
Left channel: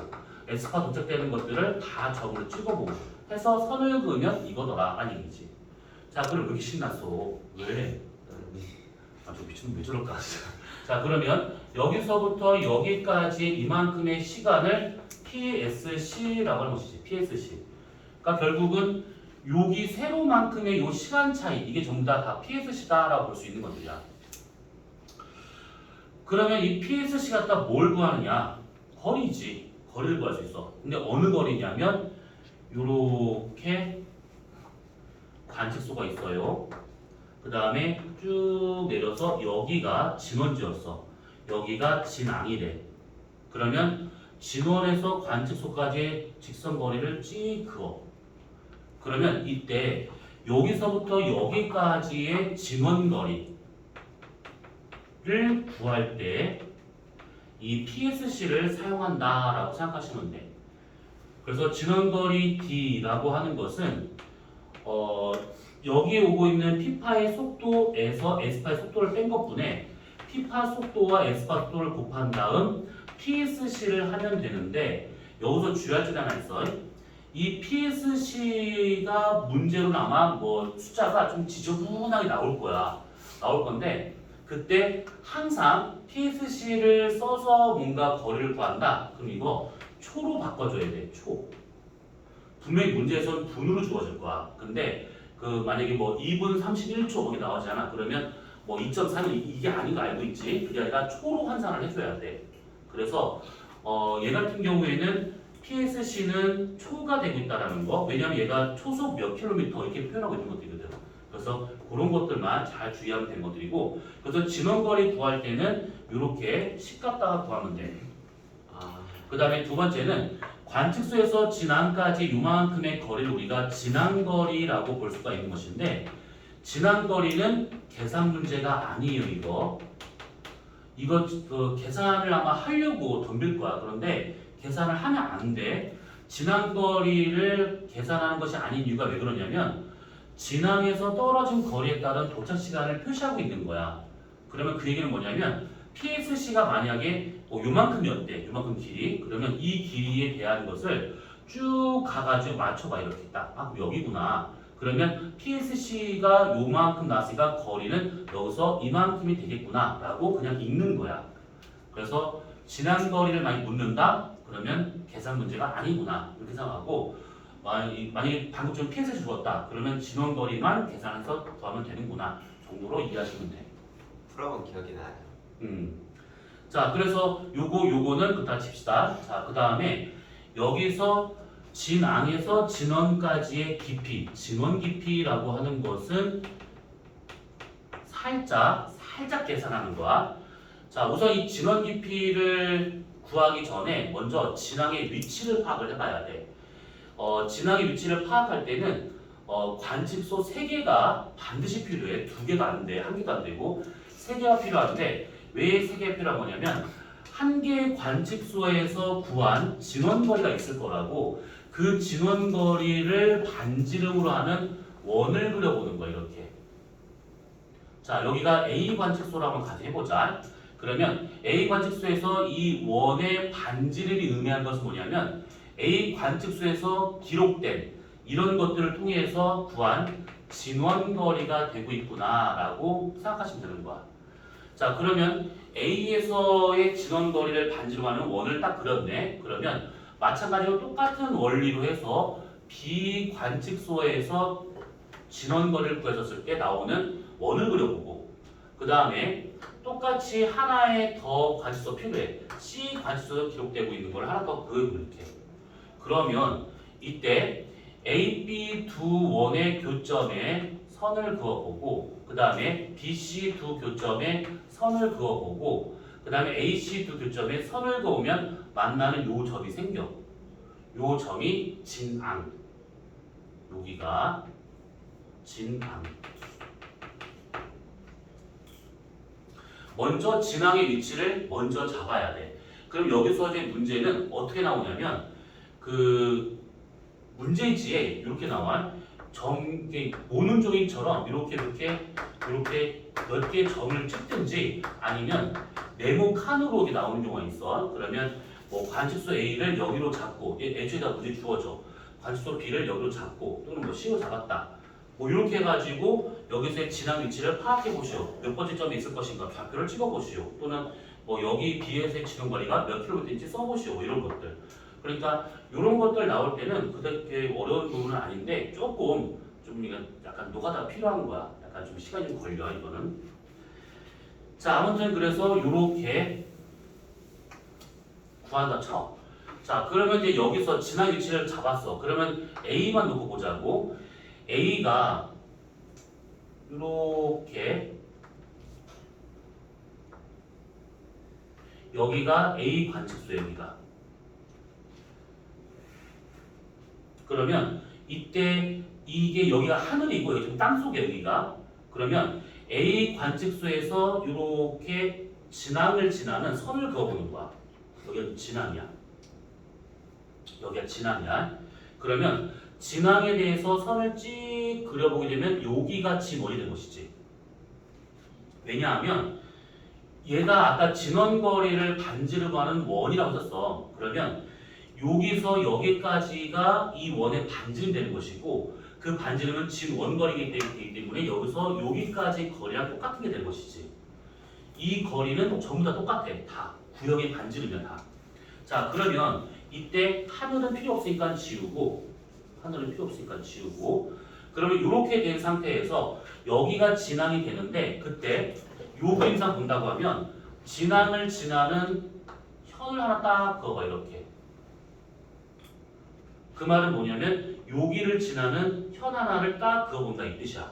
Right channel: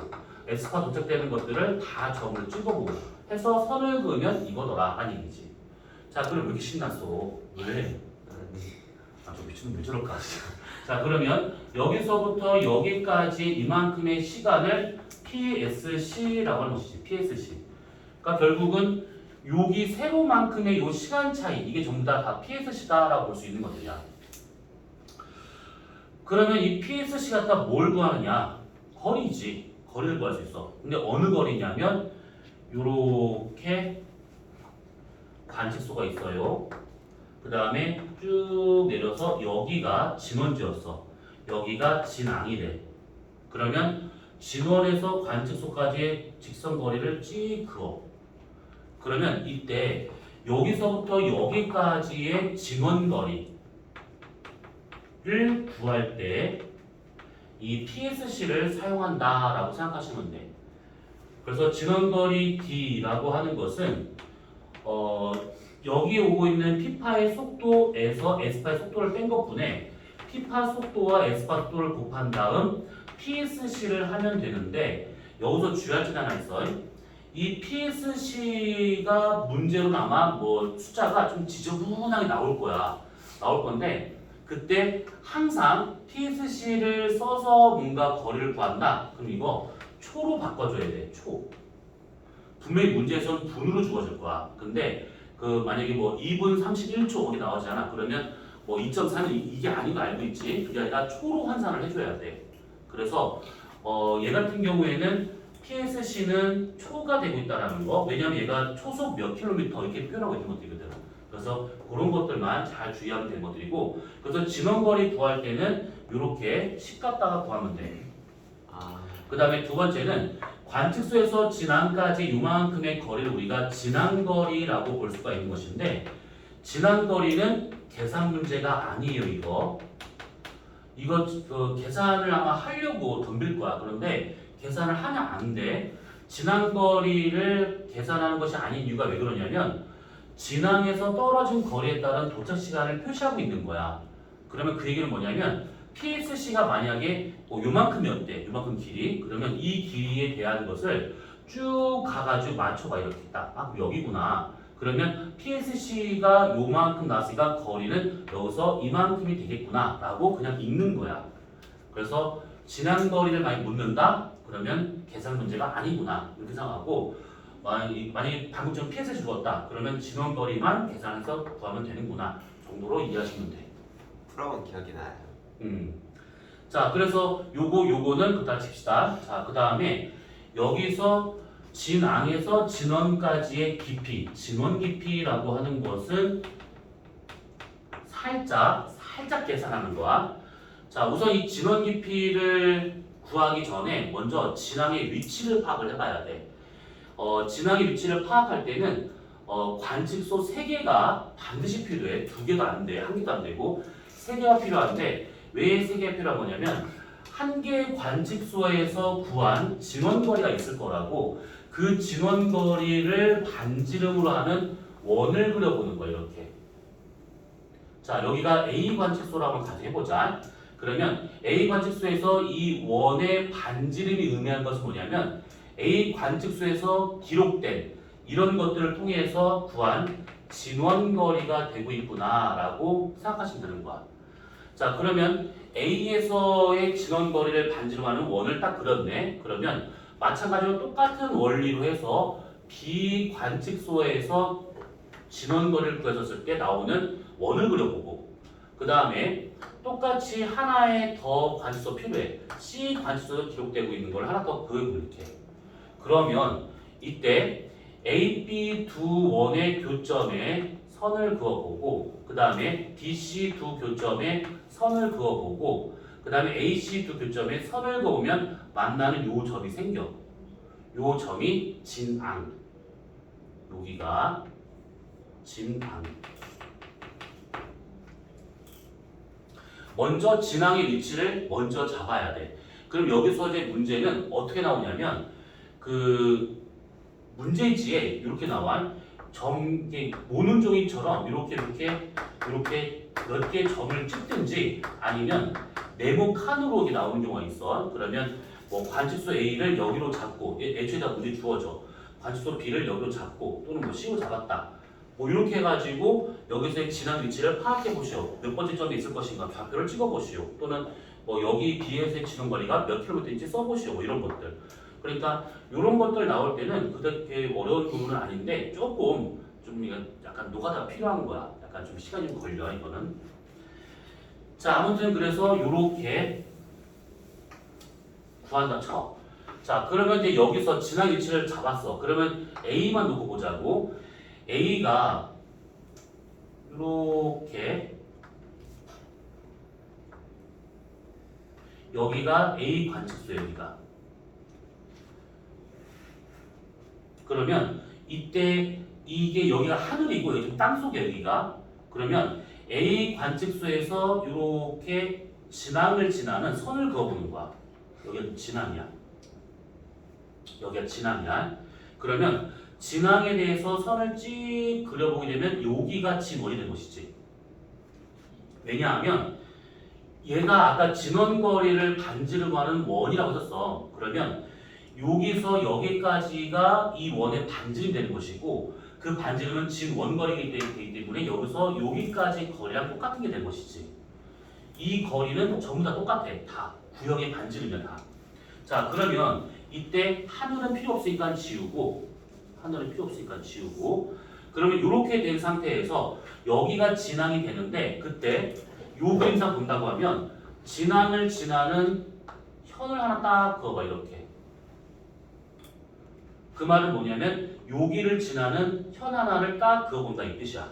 S파 도착되는 것들을 다 점을 찍어보고 해서 선을 그으면 이거더라라는 얘기지. 자, 그럼 왜 이렇게 신났어? 왜? 저 미친놈 왜 저럴까? 자, 자, 그러면 여기서부터 여기까지 이만큼의 시간을 PSC라고 하는 것이지. PSC. 그러니까 결국은 여기 세로만큼의 요 시간 차이, 이게 전부 다 PSC다라고 볼 수 있는 것들이야. 그러면 이 PSC 갖다 뭘 구하느냐? 거리지. 거리를 구할 수 있어. 근데 어느 거리냐면 요렇게 관측소가 있어요. 그 다음에 쭉 내려서 여기가 진원지였어. 여기가 진앙이래. 그러면 진원에서 관측소까지의 직선 거리를 찍 그어. 그러면 이때 여기서부터 여기까지의 진원 거리를 구할 때 이 PSC를 사용한다라고 생각하시면 돼. 그래서 진원거리 D라고 하는 것은 여기에 오고 있는 P파의 속도에서 S파의 속도를 뺀 것뿐에 P파 속도와 S파 속도를 곱한 다음 PSC를 하면 되는데, 여기서 주의할 점 하나 있어. 이 PSC가 문제로는 아마 뭐 숫자가 좀 지저분하게 나올 거야. 나올 건데 그때 항상 PSC를 써서 뭔가 거리를 구한다. 그럼 이거 초로 바꿔줘야 돼. 초. 분명히 문제에서는 분으로 주어질 거야. 근데 그 만약에 뭐 2분 31초 거기 나오잖아. 그러면 뭐 2.4는 이게 아닌 거 알고 있지. 그게 아니라 초로 환산을 해줘야 돼. 그래서 얘 같은 경우에는 PSC는 초가 되고 있다는 거. 왜냐면 얘가 초속 몇 킬로미터 이렇게 표현하고 있는 것들이거든. 그래서 그런 것들만 잘 주의하면 되는 것들이고, 그래서 진원거리 구할 때는 이렇게 식 갖다가 구하면 돼. 그 다음에 두 번째는 관측소에서 진앙까지 요만큼의 거리를 우리가 진앙거리라고 볼 수가 있는 것인데, 진앙거리는 계산 문제가 아니에요. 이거 계산을 아마 하려고 덤빌 거야. 그런데 계산을 하면 안 돼. 진앙거리를 계산하는 것이 아닌 이유가 왜 그러냐면 진앙에서 떨어진 거리에 따른 도착 시간을 표시하고 있는 거야. 그러면 그 얘기는 뭐냐면 PSC가 만약에 요만큼이었대. 요만큼 길이. 그러면 이 길이에 대한 것을 쭉 가가지고 맞춰봐. 이렇게 딱. 아, 여기구나. 그러면 PSC가 요만큼 나왔으니까 거리는 여기서 이만큼이 되겠구나 라고 그냥 읽는 거야. 그래서 지난 거리를 많이 묻는다? 그러면 계산 문제가 아니구나 이렇게 생각하고, 만약에 방금처럼 PSC 주었다 그러면 진원 거리만 계산해서 구하면 되는구나 정도로 이해하시면 돼. 풀어본 기억이 나요. 자, 그래서 요거는 그다 칩시다. 자, 그 다음에 여기서 진앙에서 진원까지의 깊이, 진원 깊이라고 하는 것은 살짝 계산하는 거야. 자, 우선 이 진원 깊이를 구하기 전에 먼저 진앙의 위치를 파악을 해봐야 돼. 진앙의 위치를 파악할 때는 관측소 3개가 반드시 필요해. 2개가 안 돼. 1개도 안 되고 3개가 필요한데, 왜 3개가 필요한 거냐면 한 개의 관측소에서 구한 진원거리가 있을 거라고, 그 진원거리를 반지름으로 하는 원을 그려보는 거야. 이렇게. 자, 여기가 A 관측소라고 한번 가정해보자. 그러면 A 관측소에서 이 원의 반지름이 의미하는 것은 뭐냐면 A 관측소에서 기록된 이런 것들을 통해서 구한 진원거리가 되고 있구나 라고 생각하시면 되는 거야. 자, 그러면 A에서의 진원거리를 반지름 하는 원을 딱 그렸네. 그러면 마찬가지로 똑같은 원리로 해서 B 관측소에서 진원거리를 구했었을 때 나오는 원을 그려보고, 그 다음에 똑같이 하나의 더 관측소 필요해. C 관측소에 기록되고 있는 걸 하나 더 그려볼게. 그러면 이때 A, B 두 원의 교점에 선을 그어보고, 그 다음에 B, C 두 교점에 선을 그어보고, 그 다음에 A, C 두 교점에 선을 그어보면 만나는 요 점이 생겨. 요 점이 진앙. 여기가 진앙. 먼저 진앙의 위치를 먼저 잡아야 돼. 그럼 여기서 이제 문제는 어떻게 나오냐면 그 문제지에 이렇게 나와. 오는 종이처럼 이렇게 몇 개의 점을 찍든지 아니면 네모 칸으로 이렇게 나오는 경우가 있어. 그러면 뭐 관측소 A를 여기로 잡고, 애초에 다 문제 주어져. 관측소 B를 여기로 잡고, 또는 뭐 C로 잡았다. 뭐 이렇게 해가지고 여기서의 진앙 위치를 파악해 보시오. 몇 번째 점에 있을 것인가 좌표를 찍어 보시오. 또는 뭐 여기 B에서의 진동 거리가 몇 킬로미터인지 써보시오. 뭐 이런 것들. 그러니까 이런 것들 나올 때는 그렇게 어려운 부분은 아닌데 조금 좀 이거 약간 노가다 필요한 거야. 약간 좀 시간이 좀 걸려 이거는. 자 아무튼 그래서 이렇게 구한다 쳐. 자 그러면 이제 여기서 진앙 위치를 잡았어. 그러면 A만 놓고 보자고. A가 이렇게 여기가 A 관측소 여기가. 그러면 이때 이게 여기가 하늘이고 여기 땅속에 여기가. 그러면 A 관측소에서 이렇게 진앙을 지나는 선을 그어보는 거야. 여기가 진앙이야. 여기가 진앙이야. 그러면 진앙에 대해서 선을 쭉 그려보게 되면 여기가 진원이 된 것이지. 왜냐하면 얘가 아까 진원거리를 반지름으로 하는 원이라고 썼어. 그러면 여기서 여기까지가 이 원의 반지름이 되는 것이고 그 반지름은 진원거리이기 때문에 여기서 여기까지 거리랑 똑같은 게 되는 것이지. 이 거리는 전부 다 똑같아. 다. 구형의 반지름이야 다. 자 그러면 이때 하늘은 필요 없으니까 지우고 하늘은 필요 없으니까 지우고 그러면 이렇게 된 상태에서 여기가 진앙이 되는데 그때 요 그림상 본다고 하면 진앙을 지나는 현을 하나 딱 그어봐 이렇게. 그 말은 뭐냐면 여기를 지나는 현 하나를 딱 그어본다 이 뜻이야.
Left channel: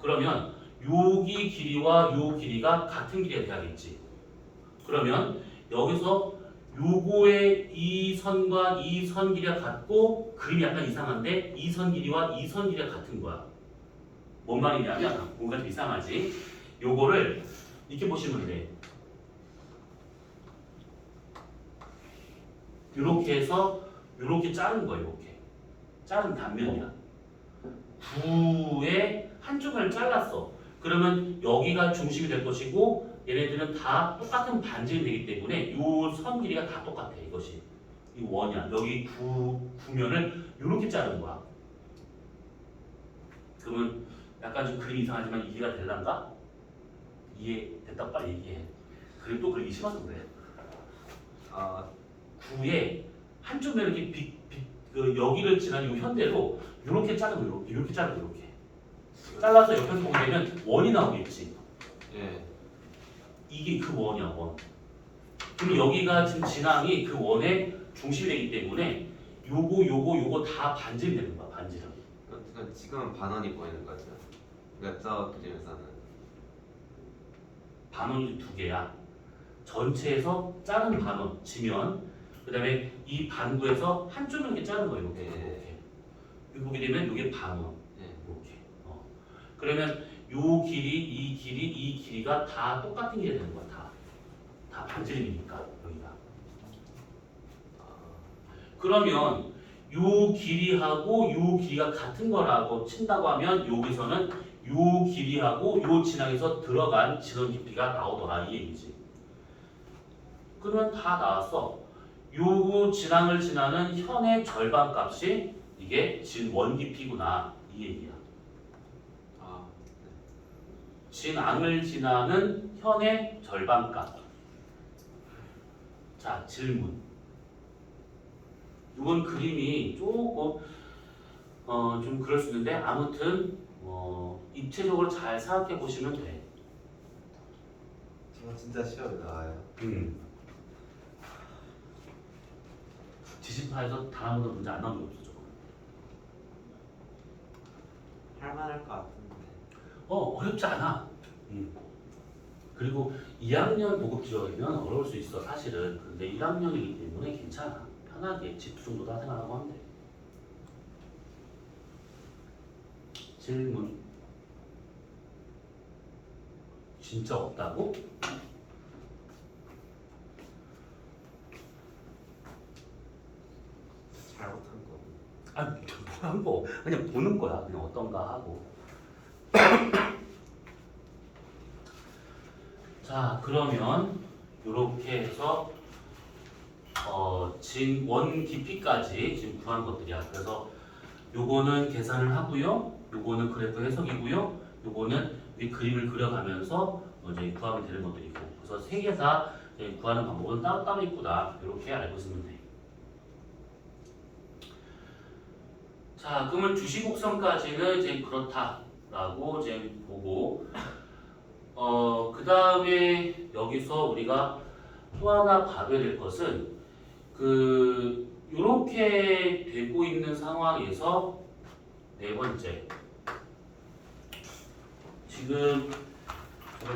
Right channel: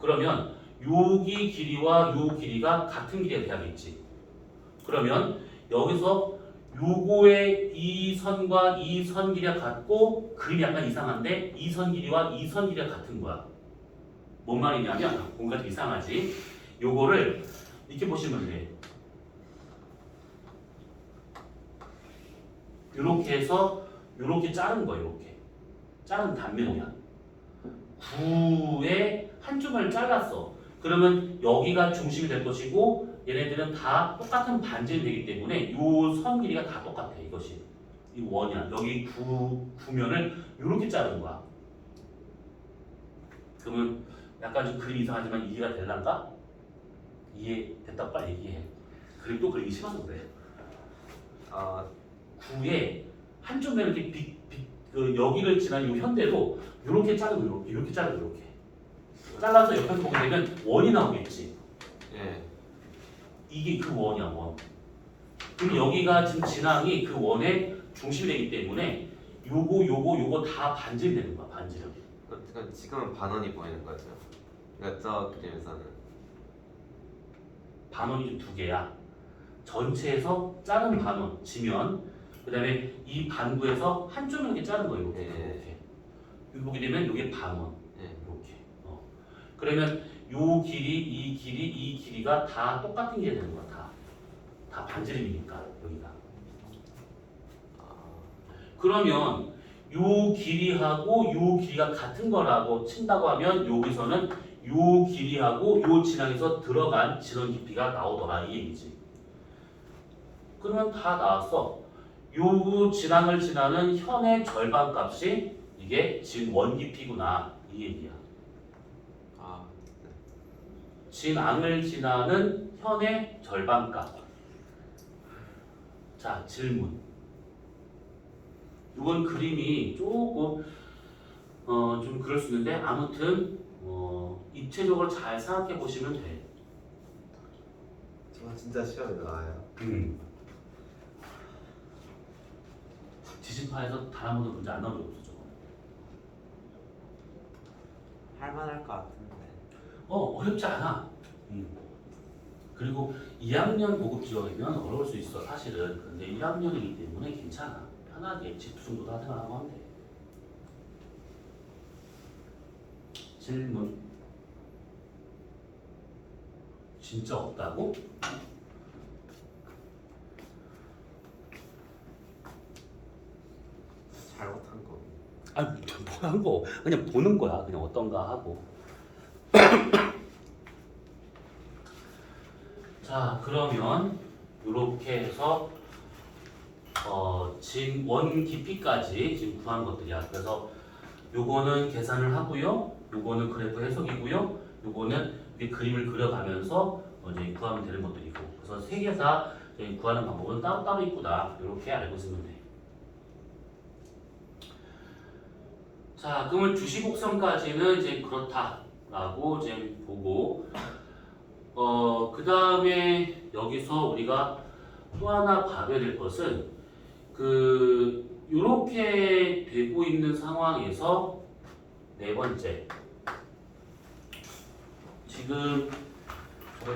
그러면 여기 길이와 요 길이가 같은 길이가 돼야겠지. 그러면 여기서 요거의 이 선과 이 선 길이가 같고 그림이 약간 이상한데 이 선 길이와 이 선 길이가 같은 거야. 뭔 말이냐면 뭔가 좀 이상하지. 요거를 이렇게 보시면 돼. 이렇게 해서 이렇게 자른 거야. 이렇게 자른 단면이야. 9의 한쪽을 잘랐어. 그러면 여기가 중심이 될 것이고 얘네들은 다 똑같은 반지름이 되기 때문에 이 선 길이가 다 똑같아. 이것이 이 원이야. 여기 구면을 이렇게 자른 거야. 그러면 약간 좀 그림이 이상하지만 이해가 될란가? 이해됐다 빨리 얘기해. 그림 또 그리기 싫어서 그래. 아, 9의 한쪽 면을 이렇게 그 여기를 지난 이 현대로 이렇게 자르고 이렇게 자르고 이렇게 잘라서 옆에서 보게 되면 원이 나오겠지. 예. 이게 그 원이야 원. 그럼 여기가 지금 진앙이 그 원의 중심이 되기 때문에 요거 다 반지름이 되는 거야 반지름. 그럼 지금은 반원이 보이는 거죠. 그러니까 저 그림에서는 반원이 두 개야. 전체에서 자른 반원 지면 그다음에 이 반구에서 한쪽만 이렇게 자른 거예요. 이렇게. 네. 이렇게. 이거 보게 되면 이게 반원. 예. 이렇게. 그러면 요 길이, 이 길이, 이 길이가 다 똑같은 게 되는 거야. 다 반지름이니까 여기가. 그러면 요 길이하고 요 길이가 같은 거라고 친다고 하면 여기서는 요 길이하고 요 진앙에서 들어간 진원 깊이가 나오더라 이 얘기지. 그러면 다 나왔어. 요 진앙을 지나는 현의 절반 값이 이게 진원 깊이구나 이 얘기야. 아, 네. 진앙을 지나는 현의 절반 값. 자 질문. 이건 그림이 조금 좀 그럴 수 있는데 아무튼 입체적으로 잘 생각해 보시면 돼. 저 진짜 시험에 나와요. 지시파에서 단 한 번도 문제 안 나온 게 없어 저거. 할만할 것 같은데. 어렵지 않아. 그리고 2학년 고급 지원이면 어려울 수 있어 사실은. 근데 1학년이기 때문에 괜찮아. 편하게 지프 정도 다 생각하고 하면 돼. 질문. 진짜 없다고? 잘못한 거. 아니 뭐한 거 그냥 보는 거야. 그냥 어떤가 하고. 자 그러면 이렇게 해서 진원 깊이까지 지금 구한 것들이야. 그래서 요거는 계산을 하고요. 요거는 그래프 해석이고요. 요거는 이 그림을 그려가면서 이제 구하면 되는 것들이고. 그래서 세 개 다 구하는 방법은 따로따로 있구나. 이렇게 알고 있으면 돼. 자, 그러면 주시 곡선까지는 이제 그렇다라고 이제 보고, 그 다음에 여기서 우리가 또 하나 봐야 될 것은 요렇게 되고 있는 상황에서 네 번째. 지금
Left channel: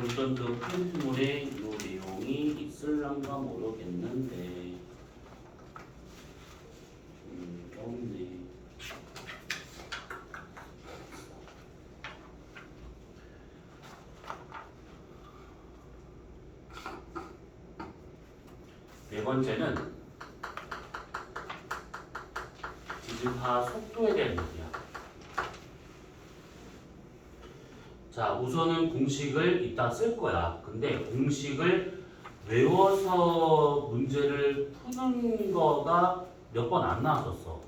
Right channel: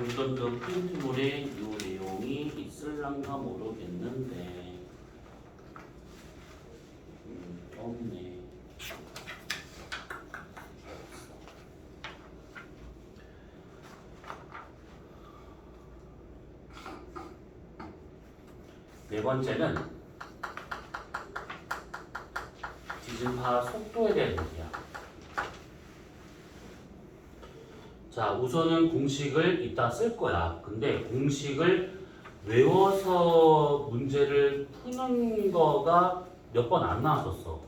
이건 저 프린트물에 이 내용이 있을란가 모르겠는데, 없네. 네 번째는 지진파 속도에 대한 얘기야. 자, 우선은 공식을 이따 쓸 거야. 근데 공식을 외워서 문제를 푸는 거가 몇 번 안 나왔었어.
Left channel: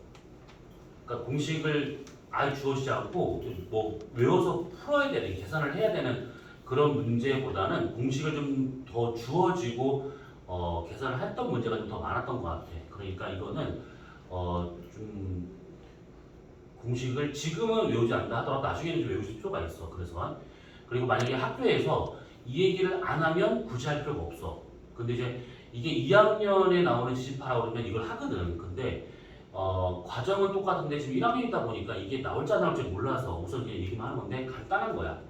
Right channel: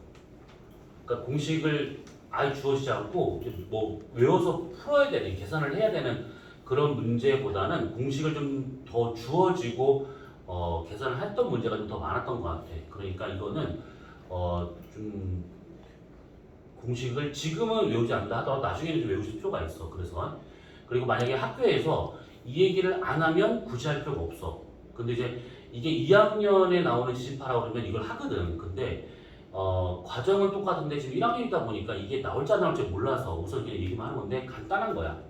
그러니까 공식을 아예 주어지지 않고 뭐 외워서 풀어야 되는, 계산을 해야 되는 그런 문제보다는 공식을 좀 더 주어지고 계산을 했던 문제가 좀 더 많았던 것 같아. 그러니까 이거는 좀 공식을 지금은 외우지 않는다 하더라도 나중에는 좀 외우실 필요가 있어. 그래서 그리고 만약에 학교에서 이 얘기를 안 하면 굳이 할 필요가 없어. 근데 이제 이게 2학년에 나오는 지진파라고 그러면 이걸 하거든. 근데 과정은 똑같은데 지금 1학년이다 보니까 이게 나올지 안 나올지 몰라서 우선 그냥 얘기만 하는 건데 간단한 거야.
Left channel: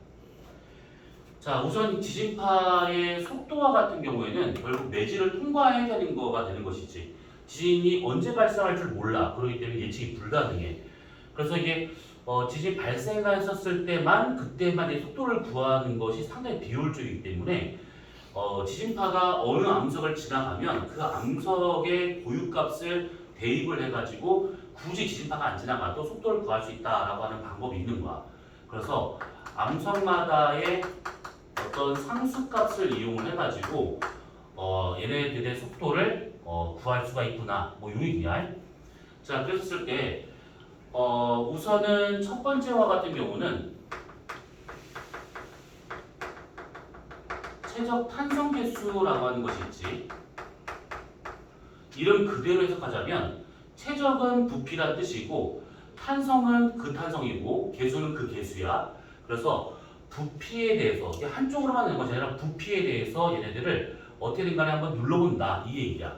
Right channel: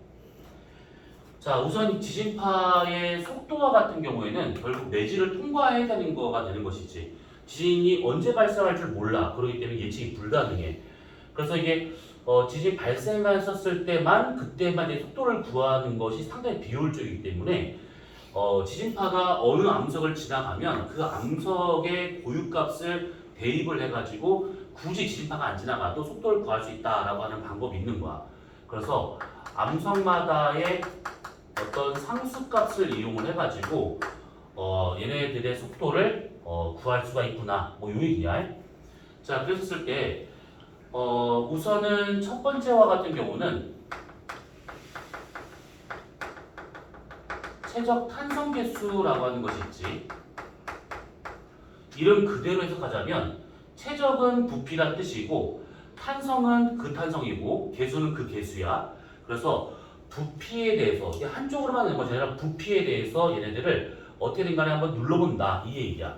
자, 우선 지진파의 속도와 같은 경우에는 결국 매질을 통과해야 되는 거가 되는 것이지. 지진이 언제 발생할 줄 몰라. 그렇기 때문에 예측이 불가능해. 그래서 이게 지진 발생했었을 때만 그때만 이 속도를 구하는 것이 상당히 비효율적이기 때문에 지진파가 어느 암석을 지나가면 그 암석의 고유값을 대입을 해가지고 굳이 지진파가 안 지나가도 속도를 구할 수 있다라고 하는 방법이 있는 거야. 그래서 암석마다의 어떤 상수값을 이용을 해가지고 얘네들의 속도를 구할 수가 있구나. 뭐 요 얘기야. 자, 그랬을 때 우선은 첫 번째와 같은 경우는 최적 탄성 개수라고 하는 것이 있지. 이름 그대로 해석하자면 최적은 부피란 뜻이고 탄성은 그 탄성이고 개수는 그 개수야. 그래서 부피에 대해서 이게 한쪽으로만 되는 것이 아니라 부피에 대해서 얘네들을 어떻게든 간에 한번 눌러본다 이 얘기야.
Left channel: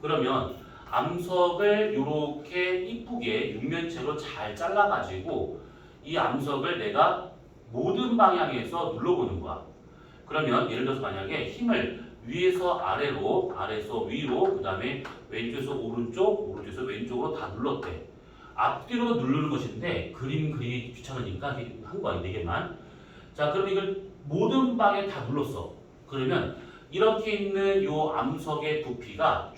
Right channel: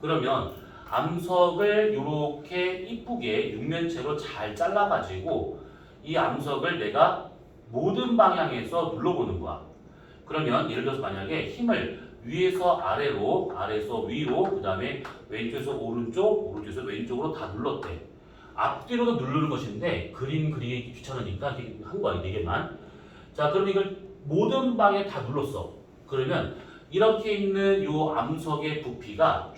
그러면 암석을 이렇게 이쁘게 육면체로 잘 잘라가지고 이 암석을 내가 모든 방향에서 눌러보는 거야. 그러면 예를 들어서 만약에 힘을 위에서 아래로, 아래에서 위로, 그 다음에 왼쪽에서 오른쪽, 오른쪽에서 왼쪽으로 다 눌렀대. 앞뒤로도 누르는 것인데 그림 그리기 귀찮으니까 한 거야, 4개만. 자, 그럼 이걸 모든 방에 다 눌렀어. 그러면 이렇게 있는 요 암석의 부피가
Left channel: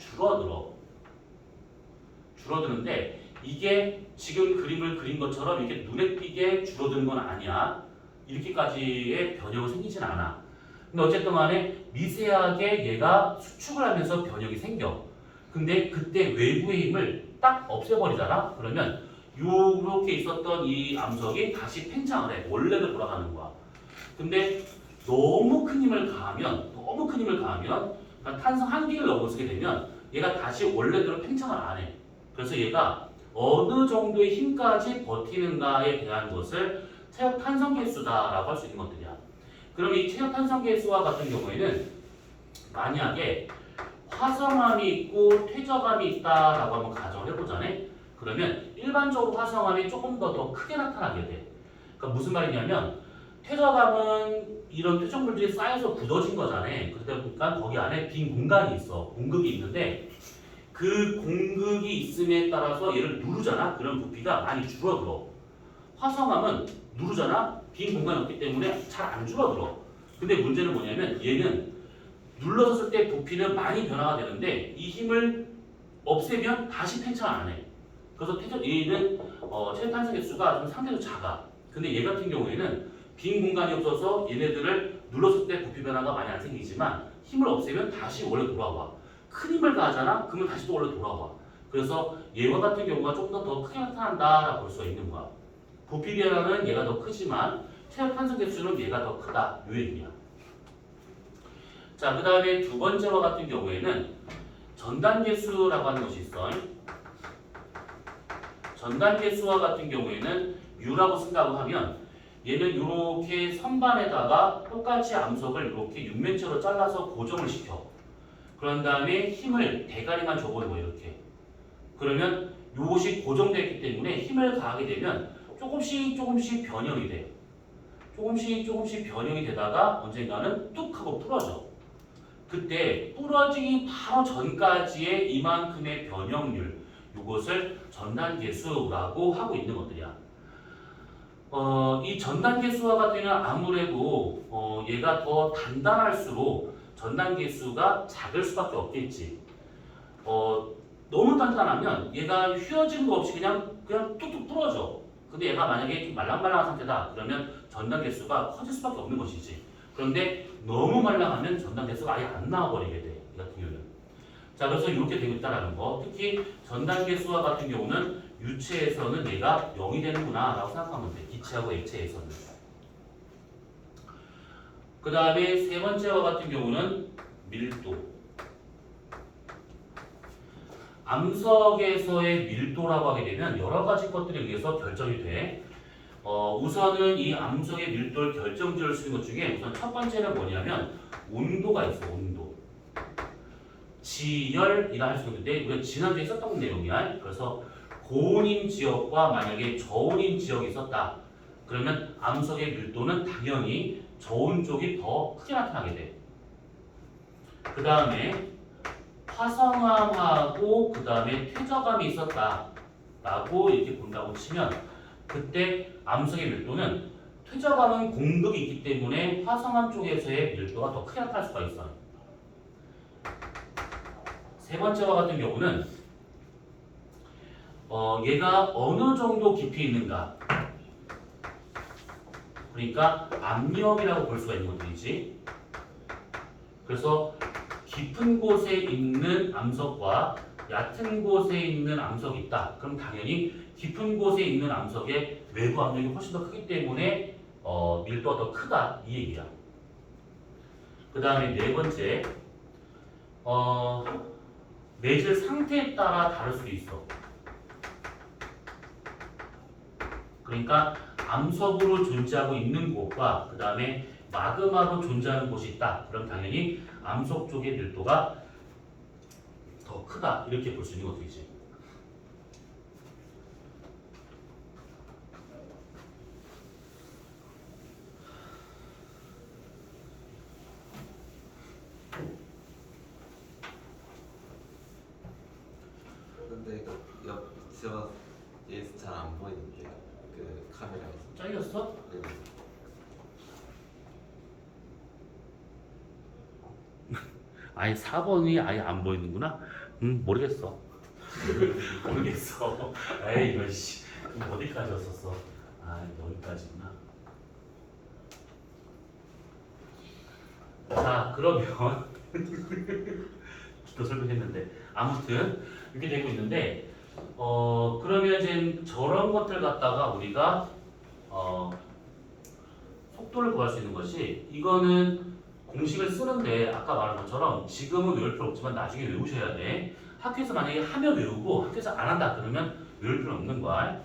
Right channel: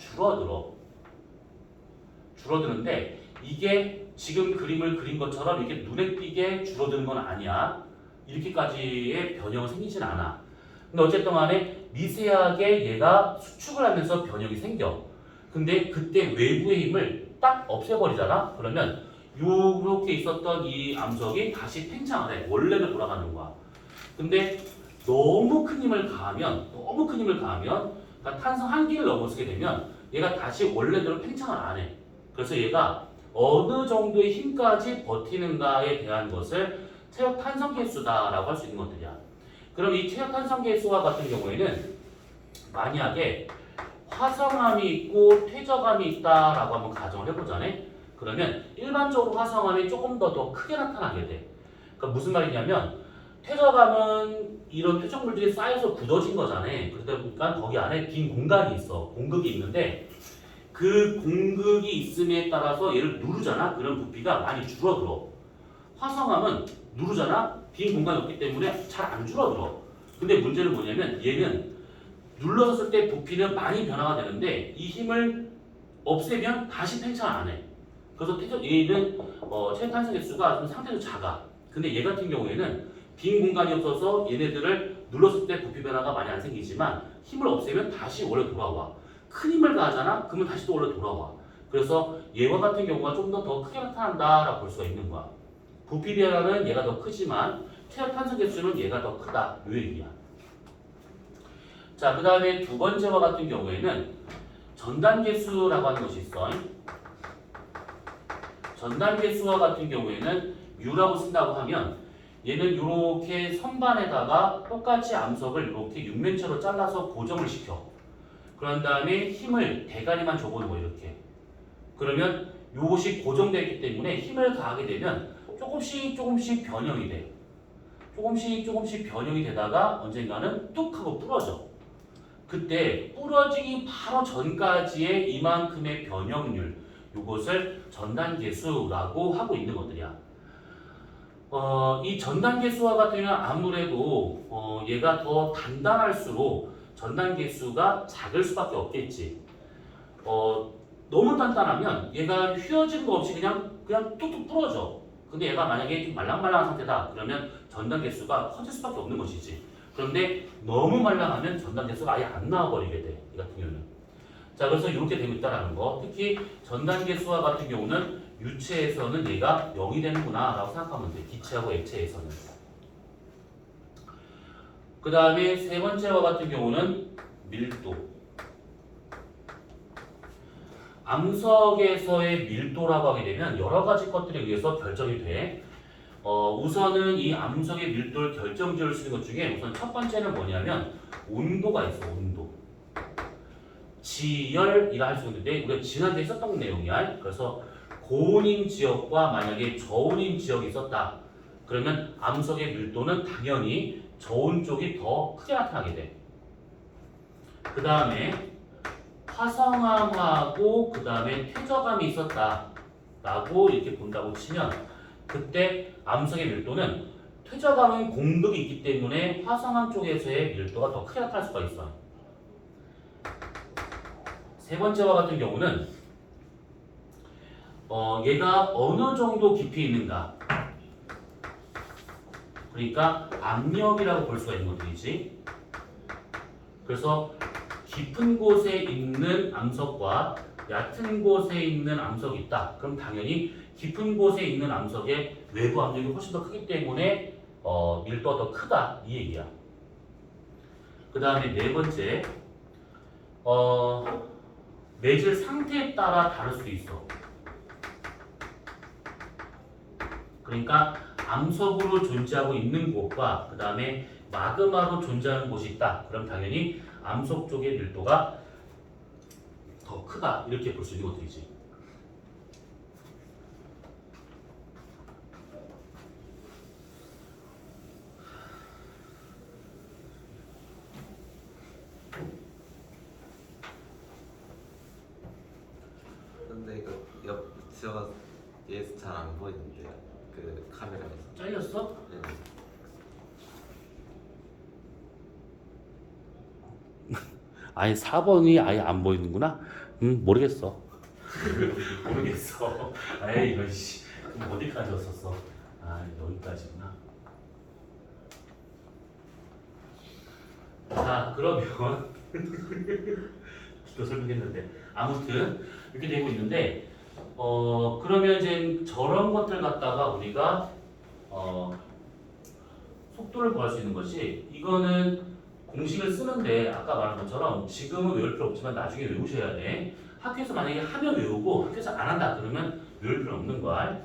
줄어드는데 이게 지금 그림을 그린 것처럼 이렇게 눈에 띄게 줄어드는 건 아니야. 이렇게까지의 변형은 생기진 않아. 근데 어쨌든 간에 미세하게 얘가 수축을 하면서 변형이 생겨. 근데 그때 외부의 힘을 딱 없애버리잖아. 그러면 요렇게 있었던 이 암석이 다시 팽창을 해. 원래로 돌아가는 거야. 근데 너무 큰 힘을 가하면 그러니까 탄성 한 개를 넘어서게 되면 얘가 다시 원래대로 팽창을 안 해. 그래서 얘가 어느 정도의 힘까지 버티는가에 대한 것을 체력 탄성 계수다라고 할 수 있는 것들이야. 그럼 이 체력 탄성 계수와 같은 경우에는 만약에 화성암이 있고 퇴적암이 있다라고 한번 가정을 해보자네. 그러면 일반적으로 화성암이 조금 더 크게 나타나게 돼. 그러니까 무슨 말이냐면 퇴적암은 이런 퇴적 물질이 쌓여서 굳어진 거잖아. 그러다 보니까 거기 안에 빈 공간이 있어. 공극이 있는데 그 공극이 있음에 따라서 얘를 누르잖아. 그런 부피가 많이 줄어들어. 화성암은 누르잖아. 빈 공간이 없기 때문에 잘 안 줄어들어. 근데 문제는 뭐냐면 얘는 눌러졌을 때 부피는 많이 변화가 되는데 이 힘을 없애면 다시 팽창을 안 해. 그래서 얘는 체력 탄성 개수가 좀 상대적으로 작아. 근데 얘 같은 경우에는 빈 공간이 없어서 얘네들을 눌렀을 때 부피 변화가 많이 안 생기지만 힘을 없애면 다시 원래 돌아와. 큰 힘을 가하잖아? 그러면 다시 또 원래 돌아와. 그래서 얘와 같은 경우가 좀 더 크게 나타난다라고 볼 수가 있는 거야. 부피 변화는 얘가 더 크지만 최하 탄소 개수는 얘가 더 크다. 이 얘기야. 자, 그 다음에 두 번째와 같은 경우에는 전단 개수라고 하는 것이 있어. 전단 개수와 같은 경우에는 U라고 쓴다고 하면 얘는 이렇게 선반에다가 똑같이 암석을 이렇게 육면체로 잘라서 고정을 시켜. 그런 다음에 힘을 대가리만 줘보는 거예요. 이렇게. 그러면 이것이 고정되어 있기 때문에 힘을 가하게 되면 조금씩 변형이 돼. 조금씩 변형이 되다가 언젠가는 뚝 하고 부러져. 그때 부러지기 바로 전까지의 이만큼의 변형률, 이것을 전단계수라고 하고 있는 것들이야. 이 전단계수와 같은 경우는 아무래도 얘가 더 단단할수록 전단계수가 작을 수밖에 없겠지. 너무 단단하면 얘가 휘어지는 거 없이 그냥 뚝뚝 부러져. 근데 얘가 만약에 좀 말랑말랑한 상태다. 그러면 전단 개수가 커질 수밖에 없는 것이지. 그런데 너무 말랑하면 전단 개수가 아예 안 나와버리게 돼. 이 같은 경우는. 자, 그래서 이렇게 되고 있다는 거. 특히 전단 개수와 같은 경우는 유체에서는 얘가 0이 되는구나 라고 생각하면 돼. 기체하고 액체에서는. 그 다음에 세 번째와 같은 경우는 밀도. 암석에서의 밀도라고 하게 되면 여러 가지 것들에 의해서 결정이 돼. 우선은 이 암석의 밀도를 결정지을 수 있는 것 중에 우선 첫 번째는 뭐냐면 온도가 있어. 온도. 지열이라 할 수 있는데 우리가 지난주에 썼던 내용이야. 그래서 고온인 지역과 만약에 저온인 지역이 있었다. 그러면 암석의 밀도는 당연히 저온 쪽이 더 크게 나타나게 돼. 그 다음에 화성암하고 그 다음에 퇴적암이 있었다라고 이렇게 본다고 치면 그때 암석의 밀도는 퇴적암은 공극이 있기 때문에 화성암 쪽에서의 밀도가 더 크게 나타날 수가 있어. 세 번째와 같은 경우는 얘가 어느 정도 깊이 있는가. 그러니까 압력이라고 볼 수가 있는 것들이지. 그래서 깊은 곳에 있는 암석과 얕은 곳에 있는 암석이 있다. 그럼 당연히 깊은 곳에 있는 암석의 외부 압력이 훨씬 더 크기 때문에 밀도가 더 크다 이 얘기야. 그 다음에 네 번째, 매질 상태에 따라 다를 수도 있어. 그러니까 암석으로 존재하고 있는 곳과 그 다음에 마그마로 존재하는 곳이 있다. 그럼 당연히 암석 쪽의 밀도가 더 크다 이렇게 볼 수 있는 것들이지. 근데 이거 옆에서 잘 안 보이는데 그 카메라에서. 잘렸어? 네. 아니 4번이 아예 안 보이는구나? 모르겠어. 모르겠어. 에이 이거 씨. 그럼 어디까지 왔었어? 아 여기까지구나. 자 그러면 또 설명했는데 아무튼 이렇게 되고 있는데 그러면 이제 저런 것들 갖다가 우리가 속도를 구할 수 있는 것이 이거는 공식을 쓰는데 아까 말한 것처럼 지금은 외울 필요 없지만 나중에 외우셔야 돼. 학교에서 만약에 하면 외우고 학교에서 안 한다 그러면 외울 필요 없는 거야.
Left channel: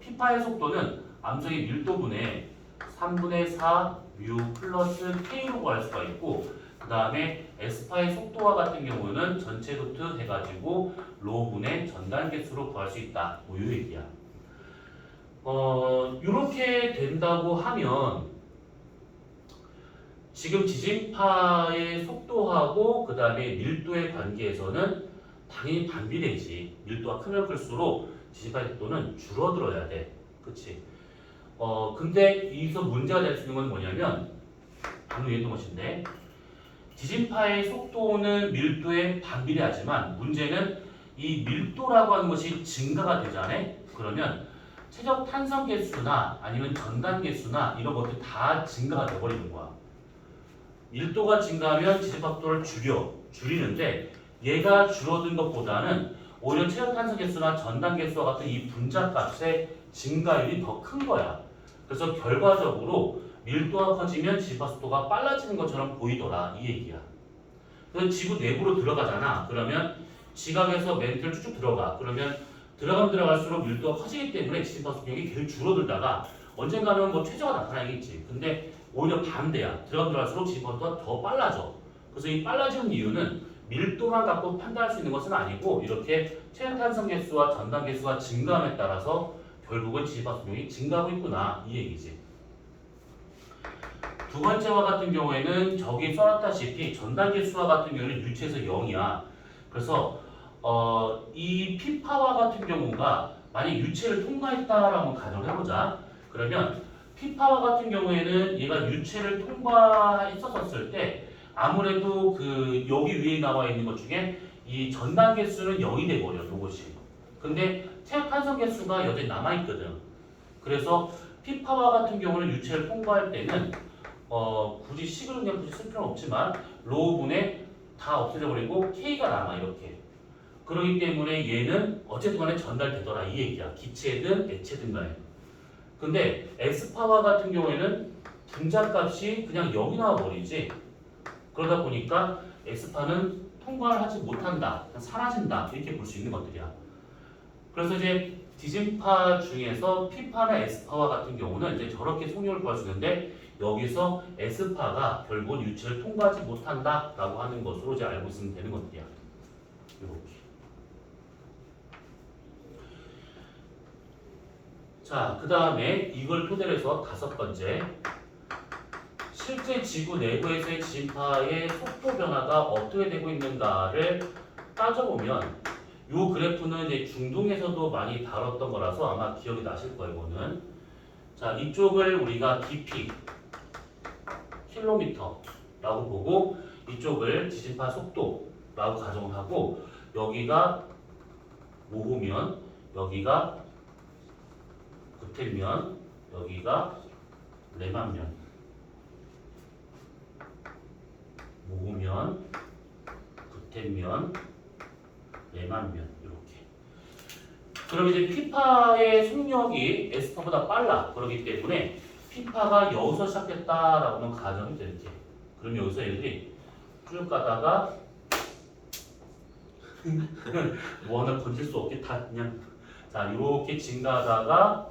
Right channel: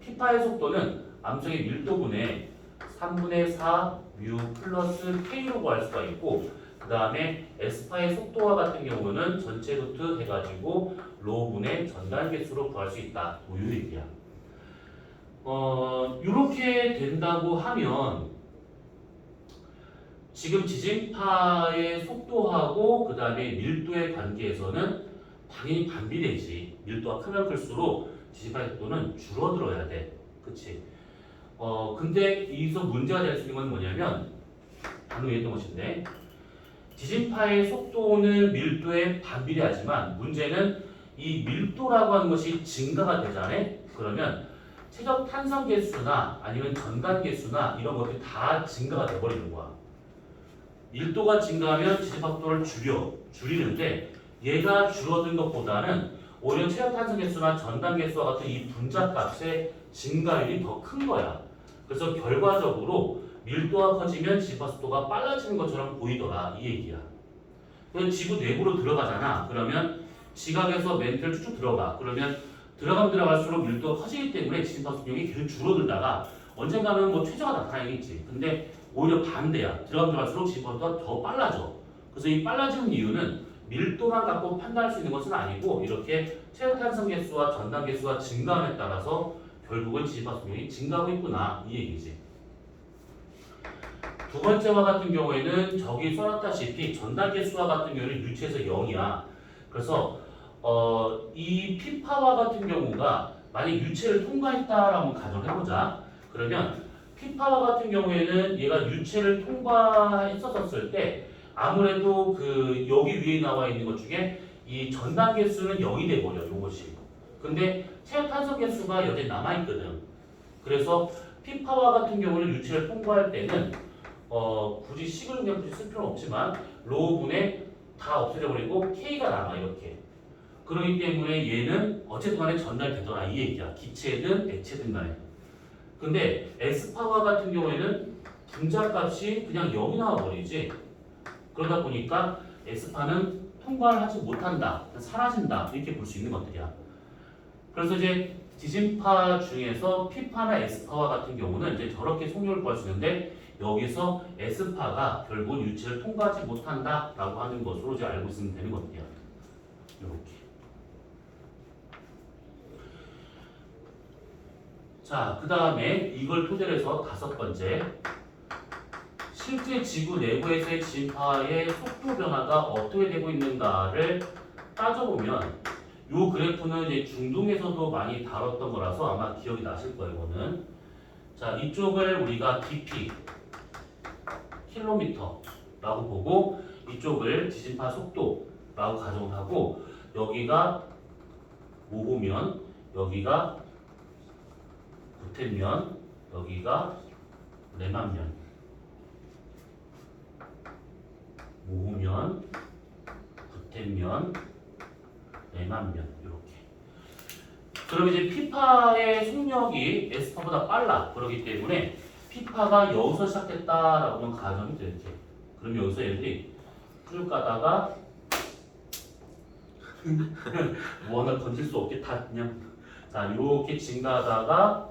피파의 속도는 암석의 밀도분의 3분의 4 뮤 플러스 K로 구할 수가 있고 그 다음에 에스파의 속도와 같은 경우는 전체 루트 해가지고 로분의 전단 개수로 구할 수 있다. 뭐 이 얘기야. 이렇게 된다고 하면 지금 지진파의 속도하고 그 다음에 밀도의 관계에서는 당연히 반비례지. 밀도가 크면 클수록 지진파의 속도는 줄어들어야 돼. 그치? 근데 여기서 문제가 될 수 있는 건 뭐냐면 방금 얘기했던 것인데 지진파의 속도는 밀도에 반비례하지만 문제는 이 밀도라고 하는 것이 증가가 되잖아. 그러면 최적 탄성 개수나 아니면 전단 개수나 이런 것들이 다 증가가 돼버리는 거야. 밀도가 증가하면 지진파 속도를 줄이는데 얘가 줄어든 것보다는 오히려 체력 탄성 개수나 전단 개수와 같은 이 분자 값의 증가율이 더 큰 거야. 그래서 결과적으로 밀도가 커지면 지파 속도가 빨라지는 것처럼 보이더라 이 얘기야. 그럼 지구 내부로 들어가잖아. 그러면 지각에서 멘트를 쭉쭉 들어가. 그러면 들어가면 들어갈수록 밀도가 커지기 때문에 지파 속력이 계속 줄어들다가 언젠가는 뭐 최저가 나타나겠지. 근데 오히려 반대야. 들어가면 들어갈수록 지파 속도가 더 빨라져. 그래서 이 빨라지는 이유는 밀도만 갖고 판단할 수 있는 것은 아니고 이렇게 체력 탄성 개수와 전단 개수가 증가함에 따라서 결국은 지파 속력이 증가하고 있구나 이 얘기지. 두 번째와 같은 경우에는 저기 써놨다시피 전단 개수와 같은 경우는 유체에서 0이야. 그래서 이 피파와 같은 경우가 만약 유체를 통과했다라고 가정을 해보자. 그러면 피파와 같은 경우에는 얘가 유체를 통과했었을 때 아무래도 그 여기 위에 나와 있는 것 중에 이 전단 개수는 0이 돼버려 요것이. 근데 체력 탄성 개수가 여전히 남아있거든. 그래서 피파와 같은 경우는 유체를 통과할 때는 굳이 식을 그냥 굳이 쓸 필요는 없지만 로우분에 다 없애버리고 K가 남아 이렇게. 그렇기 때문에 얘는 어쨌든 간에 전달되더라 이 얘기야. 기체든 액체든 간에. 근데 S파와 같은 경우에는 분자값이 그냥 0이 나와버리지. 그러다 보니까 S파는 통과를 하지 못한다, 사라진다 이렇게 볼 수 있는 것들이야. 그래서 이제 디진파 중에서 P파나 S파와 같은 경우는 이제 저렇게 속력을 구할 수 있는데 여기서 S파가 결국은 유체를 통과하지 못한다라고 하는 것으로 이제 알고 있으면 되는 것들이야. 이렇게. 자, 그 다음에 이걸 토대로 해서 다섯 번째. 실제 지구 내부에서의 진파의 속도 변화가 어떻게 되고 있는가를 따져보면 이 그래프는 이제 중동에서도 많이 다뤘던 거라서 아마 기억이 나실 거예요. 이거는. 자, 이쪽을 우리가 깊이 킬로미터라고 보고 이쪽을 지진파 속도라고 가정을 하고 여기가 모후면, 여기가 구텐면, 여기가 레만면. 모후면, 구텐면, 레만면 이렇게. 그럼 이제 피파의 속력이 S파보다 빨라. 그렇기 때문에 피파가 여기서 시작했다라고는 가정이 되지. 그럼 여기서 얘들이 쭉 가다가 뭐 하나 건질 수 없게 다 그냥 자 이렇게 증가하다가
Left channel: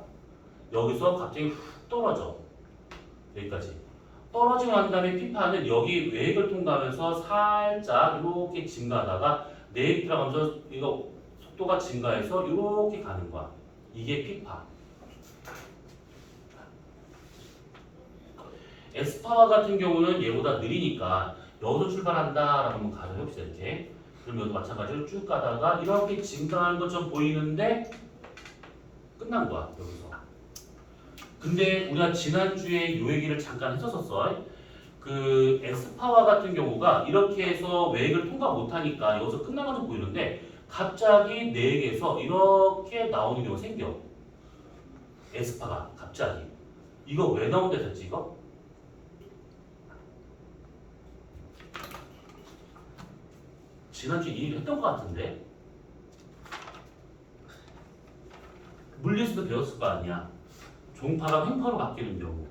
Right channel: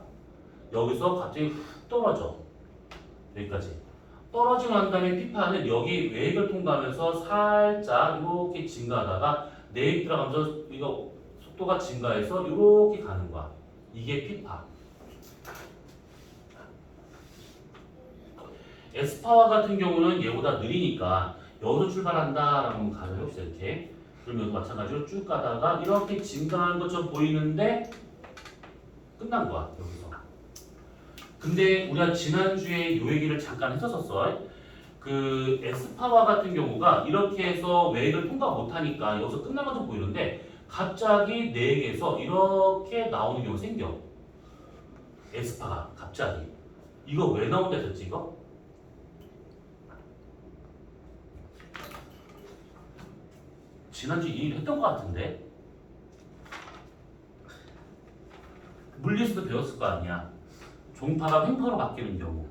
여기서 갑자기 훅 떨어져. 여기까지. 떨어지고 난 다음에 피파는 여기 외액을 통과하면서 살짝 이렇게 증가하다가 내액 들어가면서 이거 속도가 증가해서 이렇게 가는 거야. 이게 피파. S파와 같은 경우는 얘보다 느리니까 여기서 출발한다라고 한번 가정해봅시다. 이렇게. 그럼 여기도 마찬가지로 쭉 가다가 이렇게 증가하는 것처럼 보이는데 끝난 거야. 여기서. 근데 우리가 지난주에 요 얘기를 잠깐 했었었어. 그 S파와 같은 경우가 이렇게 해서 외액을 통과 못하니까 여기서 끝난 것처럼 보이는데 갑자기 내액에서 이렇게 나오는 경우가 생겨. S파가 갑자기. 이거 왜 나온다 했지 이거? 지난주 이 얘기 했던 것 같은데 물리에서도 배웠을 거 아니야. 종파가 횡파로 바뀌는 경우.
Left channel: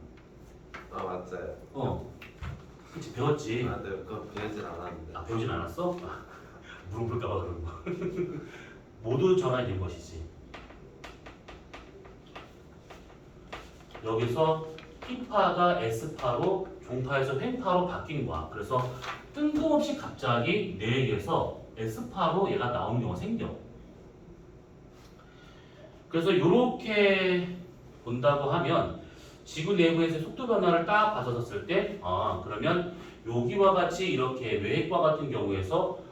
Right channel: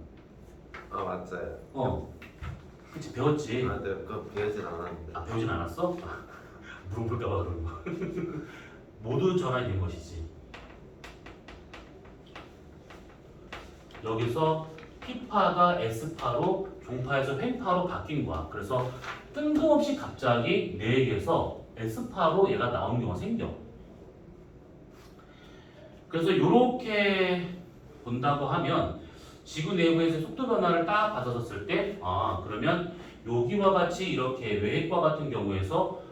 아 맞아요. 그치 배웠지. 아, 네, 그거 배우진 않았는데. 아 배우진 않았어? 물어볼까봐 그런 거. 모두 전환이 된 것이지. 여기서 P파가 S파로 종파에서 횡파로 바뀐 거야. 그래서 뜬금없이 갑자기 내액에서 S파로 얘가 나오는 경우가 생겨. 그래서 이렇게 본다고 하면 지구 내부에서 속도 변화를 딱 받아줬을 때 그러면 여기와 같이 이렇게 외핵과 같은 경우에서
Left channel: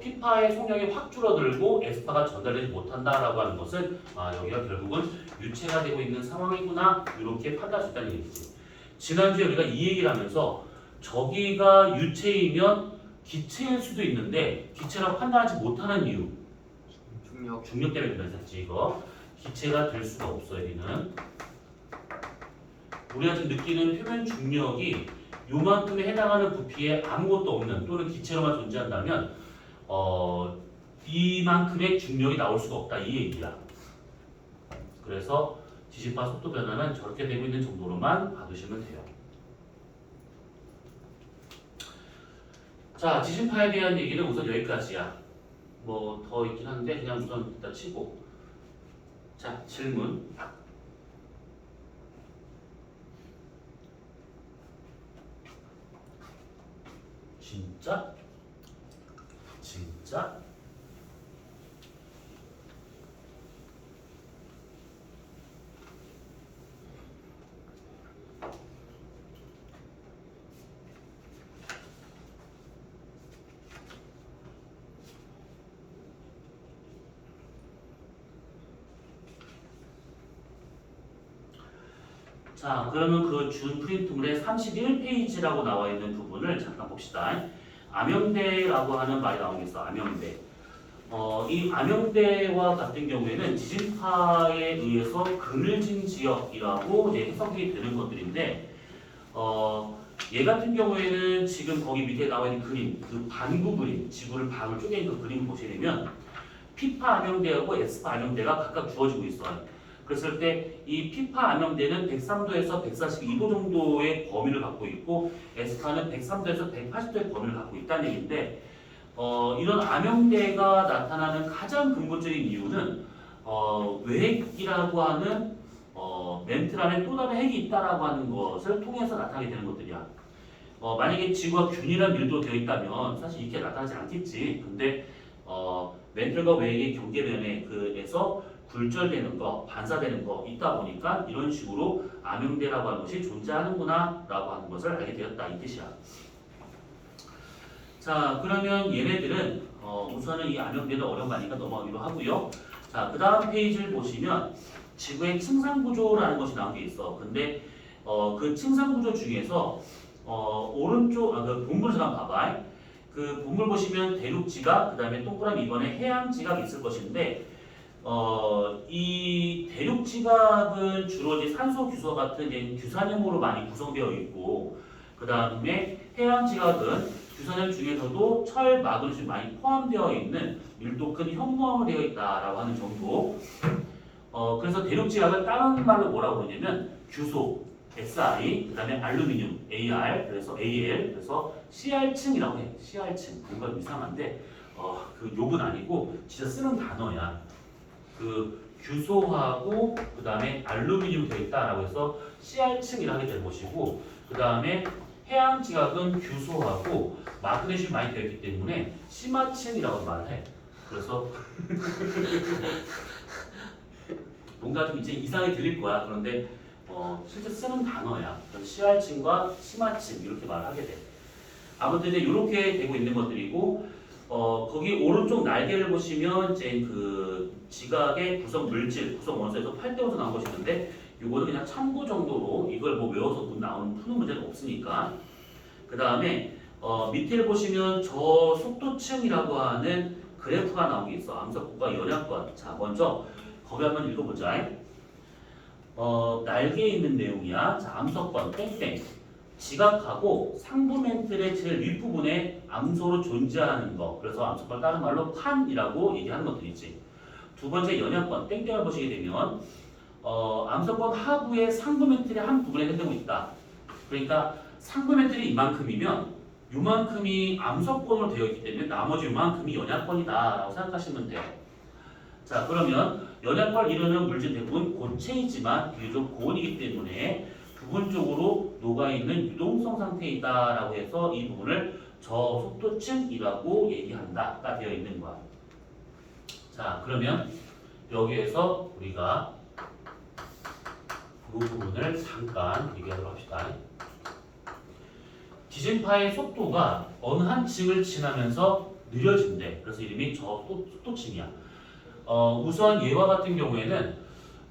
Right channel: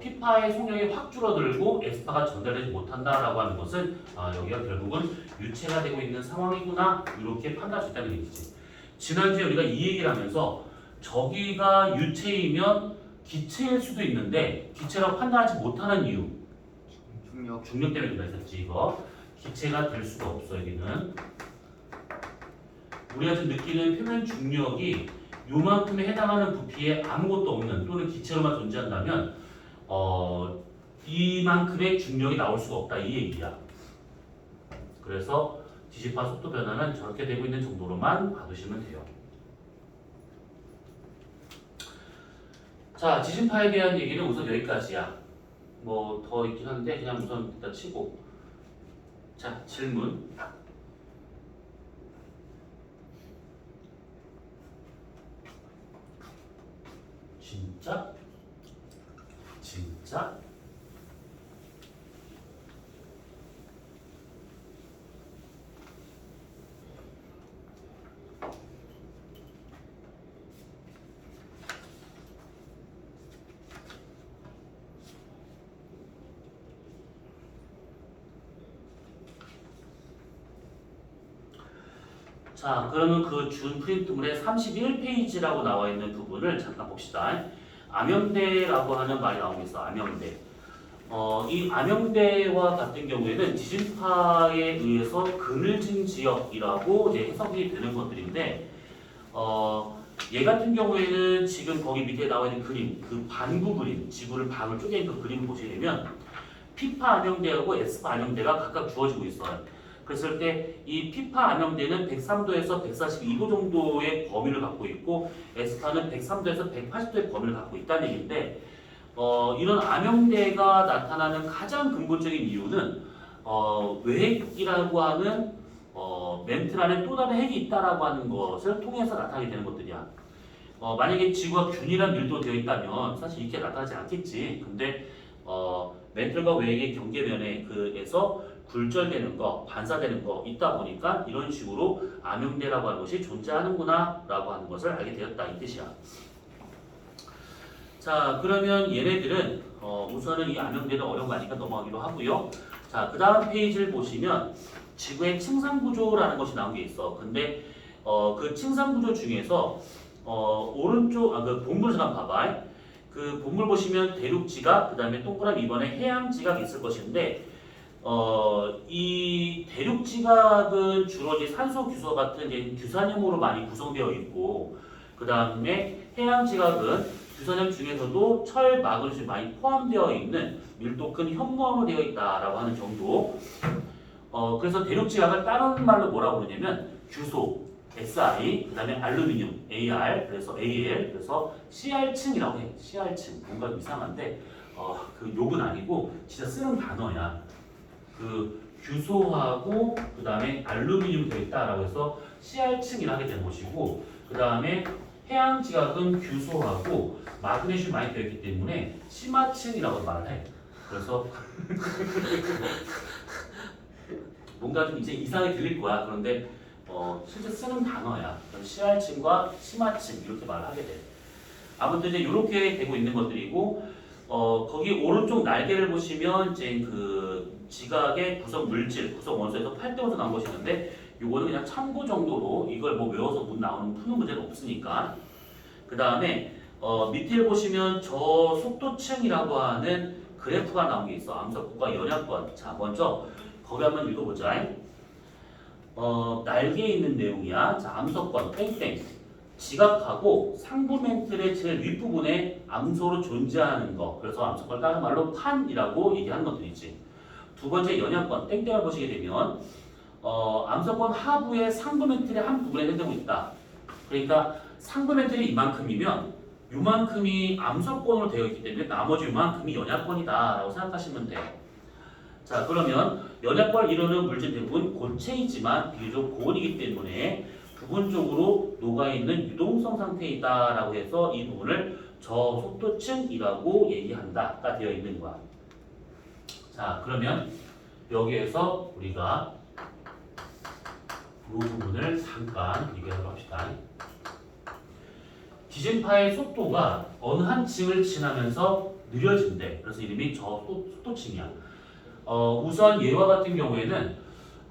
P파의 속력이 확 줄어들고 S파가 전달되지 못한다라고 하는 것은 여기가 결국은 유체가 되고 있는 상황이구나 이렇게 판단할 수 있다는 얘기지. 지난주에 우리가 이 얘기를 하면서 저기가 유체이면 기체일 수도 있는데 기체라고 판단하지 못하는 이유 중력 때문에 그랬었지 이거. 기체가 될 수가 없어 여기는. 우리가 지금 느끼는 표면 중력이 요만큼에 해당하는 부피에 아무것도 없는 또는 기체로만 존재한다면 이만큼의 중력이 나올 수가 없다 이 얘기야. 그래서 지진파 속도 변화는 저렇게 되고 있는 정도로만 봐두시면 돼요. 자, 지진파에 대한 얘기는 우선 여기까지야. 뭐 더 있긴 한데 그냥 우선 일단 치고. 자, 질문. 진짜? 진짜? 자, 그러면 그 준 프린트물의 31페이지라고 나와 있는 부분을 잠깐 봅시다. 암염대라고 하는 말이 나오고 있어. 암염대. 이 암염대와 같은 경우에는 지진파에 의해서 그늘진 지역이라고 이제 해석이 되는 것들인데, 얘 같은 경우에는 지금 거기 밑에 나와 있는 그림, 그 반구 그림, 지구를 반으로 쪼갠 그 그림 보시려면 피파 암염대하고 에스파 암염대가 각각 주어지고 있어요. 그랬을 때 이 피파 암염대는 103도에서 142도 정도의 범위를 갖고 있고 에스파는 103도에서 180도의 범위를 갖고 있다는 얘기인데 이런 암염대가 나타나는 가장 근본적인 이유는 외핵이라고 하는 멘틀 안에 또 다른 핵이 있다라고 하는 것을 통해서 나타나게 되는 것들이야. 만약에 지구가 균일한 밀도로 되어 있다면 사실 이렇게 나타나지 않겠지. 근데 멘틀과 외핵의 경계면에 그에서 굴절되는 거, 반사되는 거 있다 보니까 이런 식으로 암염대라고 하는 것이 존재하는구나 라고 하는 것을 알게 되었다 이 뜻이야. 자, 그러면 얘네들은 우선은 이 암염대는 어려운 거 아니니까 넘어가기로 하고요. 자, 그 다음 페이지를 보시면 지구의 층상구조라는 것이 나온 게 있어. 근데 그 층상구조 중에서 오른쪽 그 본물 잠깐 봐봐. 그 본물 보시면 대륙지각, 그 다음에 동그라미 2번에 해양지각이 있을 것인데 이 대륙지각은 주로 이제 산소 규소 같은 이제 규산염으로 많이 구성되어 있고, 그 다음에 해양지각은 규산염 중에서도 철, 마그네슘이 많이 포함되어 있는 밀도 큰 현무암으로 되어 있다라고 하는 정도. 그래서 대륙지각을 다른 말로 뭐라고 부르냐면 규소, SI, 그 다음에 알루미늄, AR, 그래서 AL, 그래서 CR층이라고 해. CR층. 뭔가 이상한데 그 욕은 아니고 진짜 쓰는 단어야. 그 규소하고 그 다음에 알루미늄 되어 있다라고 해서 CR층이라 하게 되는 것이고, 그 다음에 해양지각은 규소하고 마그네슘 많이 되어 있기 때문에 심화층이라고 말을 해. 그래서 뭔가 좀 이제 이상하게 들릴 거야. 그런데 실제 쓰는 단어야. CR층과 심화층 이렇게 말을 하게 돼. 아무튼 이제 이렇게 되고 있는 것들이고, 거기 오른쪽 날개를 보시면 이제 그 지각의 구성 물질, 구성 원소에서 8대5로 나온 것이 있는데, 이거는 그냥 참고 정도로 이걸 뭐 외워서 나오는 푸는 문제는 없으니까. 그 다음에 밑에 보시면 저 속도층이라고 하는 그래프가 나온 게 있어. 암석권과 연약권. 자, 먼저 거기 한번 읽어보자. 날개에 있는 내용이야. 자, 암석권 땡땡. 지각하고 상부 멘틀의 제일 윗부분에 암석으로 존재하는 거. 그래서 암석권 다른 말로 판이라고 얘기하는 것들이지. 두 번째 연약권 땡땡을 보시게 되면 암석권 하부의 상부 멘틀의 한 부분에 해당되고 있다. 그러니까 상부 멘틀이 이만큼이면 이만큼이 암석권으로 되어 있기 때문에 나머지 이만큼이 연약권이다라고 생각하시면 돼요. 자, 그러면 연약권을 이루는 물질 대부분 고체이지만 비교적 고온이기 때문에 부분적으로 녹아있는 유동성 상태이다라고 해서 이 부분을 저속도층이라고 얘기한다가 되어 있는 거야. 자, 그러면 여기에서 우리가 이 부분을 잠깐 얘기하도록 합시다. 지진파의 속도가 어느 한 층을 지나면서 느려진대. 그래서 이름이 저속도층이야. 우선 얘와 같은 경우에는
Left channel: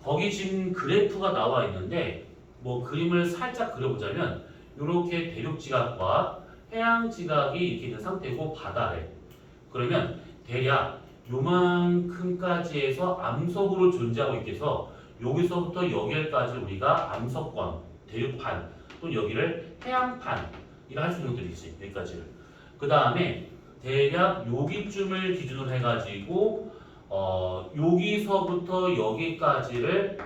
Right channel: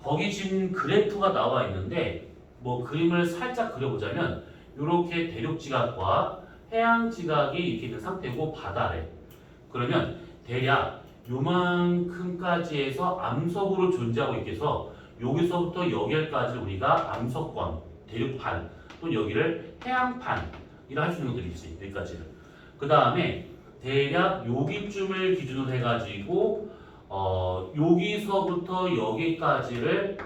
거기 지금 그래프가 나와 있는데 뭐 그림을 살짝 그려보자면 이렇게 대륙지각과 해양지각이 이렇게 된 상태고 바다래. 그러면 대략 요만큼까지 해서 암석으로 존재하고 있겠어. 여기서부터 여기까지 우리가 암석권, 대륙판 또는 여기를 해양판이라 할 수 있는 것들이 있지. 여기까지를. 그 다음에 대략 여기쯤을 기준으로 해가지고 여기서부터 여기까지를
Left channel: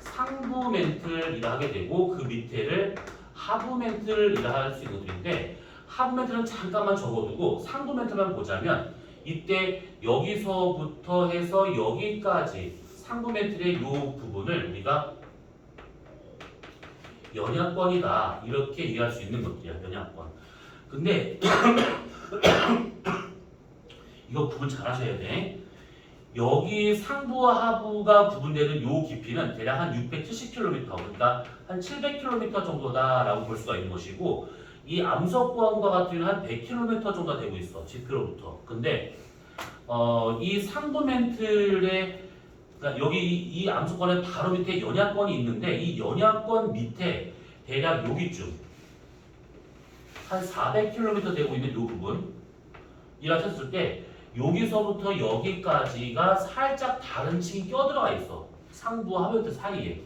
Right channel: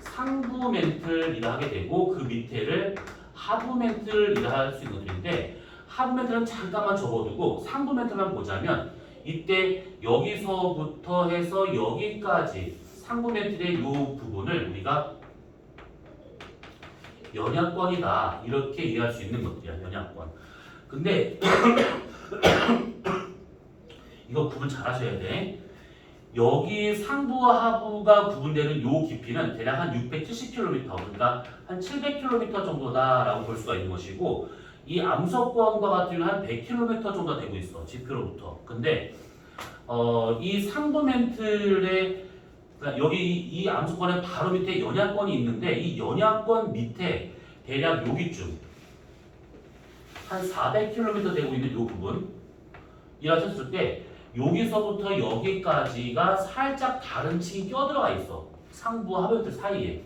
상부 멘틀이라 하게 되고 그 밑에를 하부 멘틀이라 할 수 있는 것들인데 하부 멘틀은 잠깐만 접어두고 상부 멘틀만 보자면 이때 여기서부터 해서 여기까지 상부 멘틀의 이 부분을 우리가 연약권이다 이렇게 이해할 수 있는 것들이야. 연약권. 근데 이거 구분 잘 하셔야 돼. 여기 상부와 하부가 구분되는 요 깊이는 대략 한 670km, 그러니까 한 700km 정도다라고 볼 수가 있는 것이고, 이 암석권과 같은 경우는 한 100km 정도 되고 있어, 지표로부터. 근데 이 상부 멘틀의 그러니까 여기 이 암석권의 바로 밑에 연약권이 있는데 이 연약권 밑에 대략 여기쯤 한 400km 되고 있는 이 부분이라 했을 때 여기서부터 여기까지가 살짝 다른 층이 껴들어가 있어. 상부와 하부멘틀 사이에.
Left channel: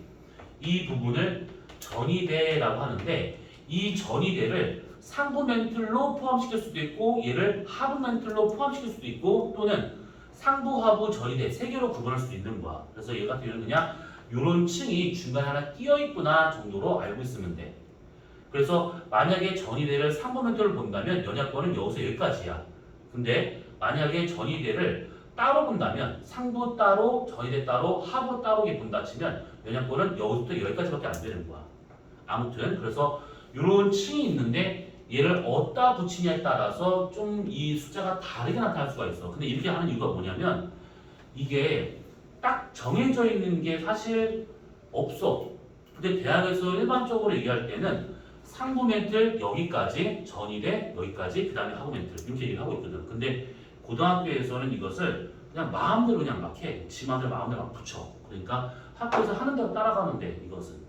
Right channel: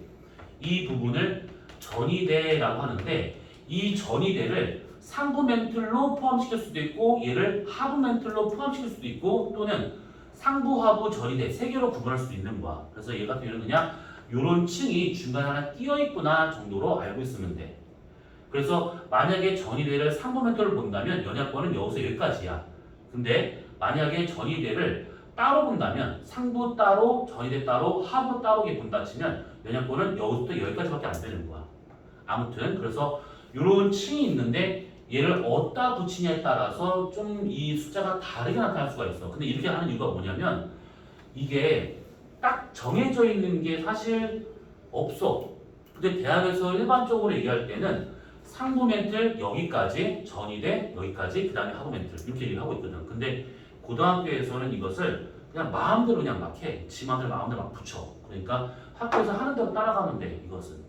이 부분을 전이대라고 하는데 이 전이대를 상부 멘틀로 포함시킬 수도 있고 얘를 하부 멘틀로 포함시킬 수도 있고 또는 상부, 하부, 전이대 세 개로 구분할 수도 있는 거야. 그래서 얘 같은 경우는 그냥 요런 층이 중간에 하나 끼어 있구나 정도로 알고 있으면 돼. 그래서 만약에 전이대를 상부 멘틀로 본다면 연약권은 여기서 여기까지야. 근데 만약에 전이대를 따로 본다면 상부 따로, 전이대 따로, 하부 따로 이렇게 본다 치면 연약권은 여기서부터 여기까지밖에 안 되는 거야. 아무튼 그래서 이런 층이 있는데 얘를 어디다 붙이냐에 따라서 좀 이 숫자가 다르게 나타날 수가 있어. 근데 이렇게 하는 이유가 뭐냐면 이게 딱 정해져 있는 게 사실 없어. 근데 대학에서 일반적으로 얘기할 때는 상부 멘틀 여기까지, 전이대 여기까지, 그 다음에 하부 멘틀 이렇게 얘기를 하고 있거든. 근데 고등학교에서는 이것을 그냥 마음대로 그냥 막 해. 지 마음대로 막 붙여. 그러니까 학교에서 하는 대로 따라가는데 이것은.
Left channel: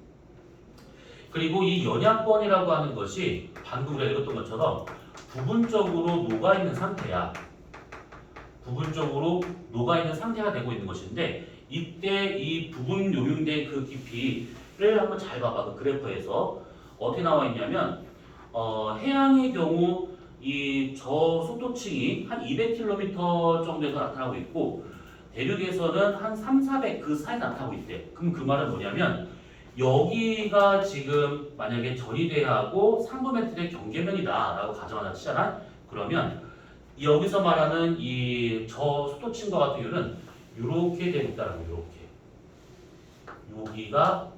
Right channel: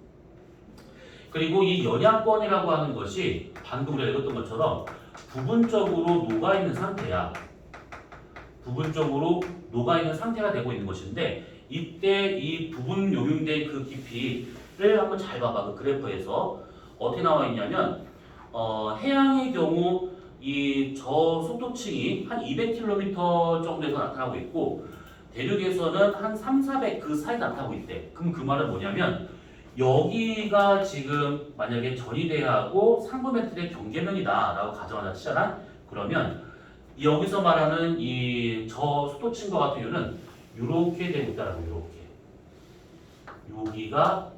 그리고 이 연약권이라고 하는 것이 방금 우리가 읽었던 것처럼 부분적으로 녹아있는 상태야. 부분적으로 녹아있는 상태가 되고 있는 것인데 이때 이 부분 요용된 그 깊이를 한번 잘 봐봐. 그 그래프에서 어떻게 나와 있냐면 해양의 경우 이 저속도층이 한 200km 정도에서 나타나고 있고 대륙에서는 한 3, 400 그 사이 나타나고 있대. 그럼 그 말은 뭐냐면 여기가 지금 만약에 전이대하고 상부 멘틀의 경계면이다 라고 가정하자 치잖아. 그러면 여기서 말하는 이 저속도층과 같은 경우는 이렇게 되고 있다라고. 이렇게 여기가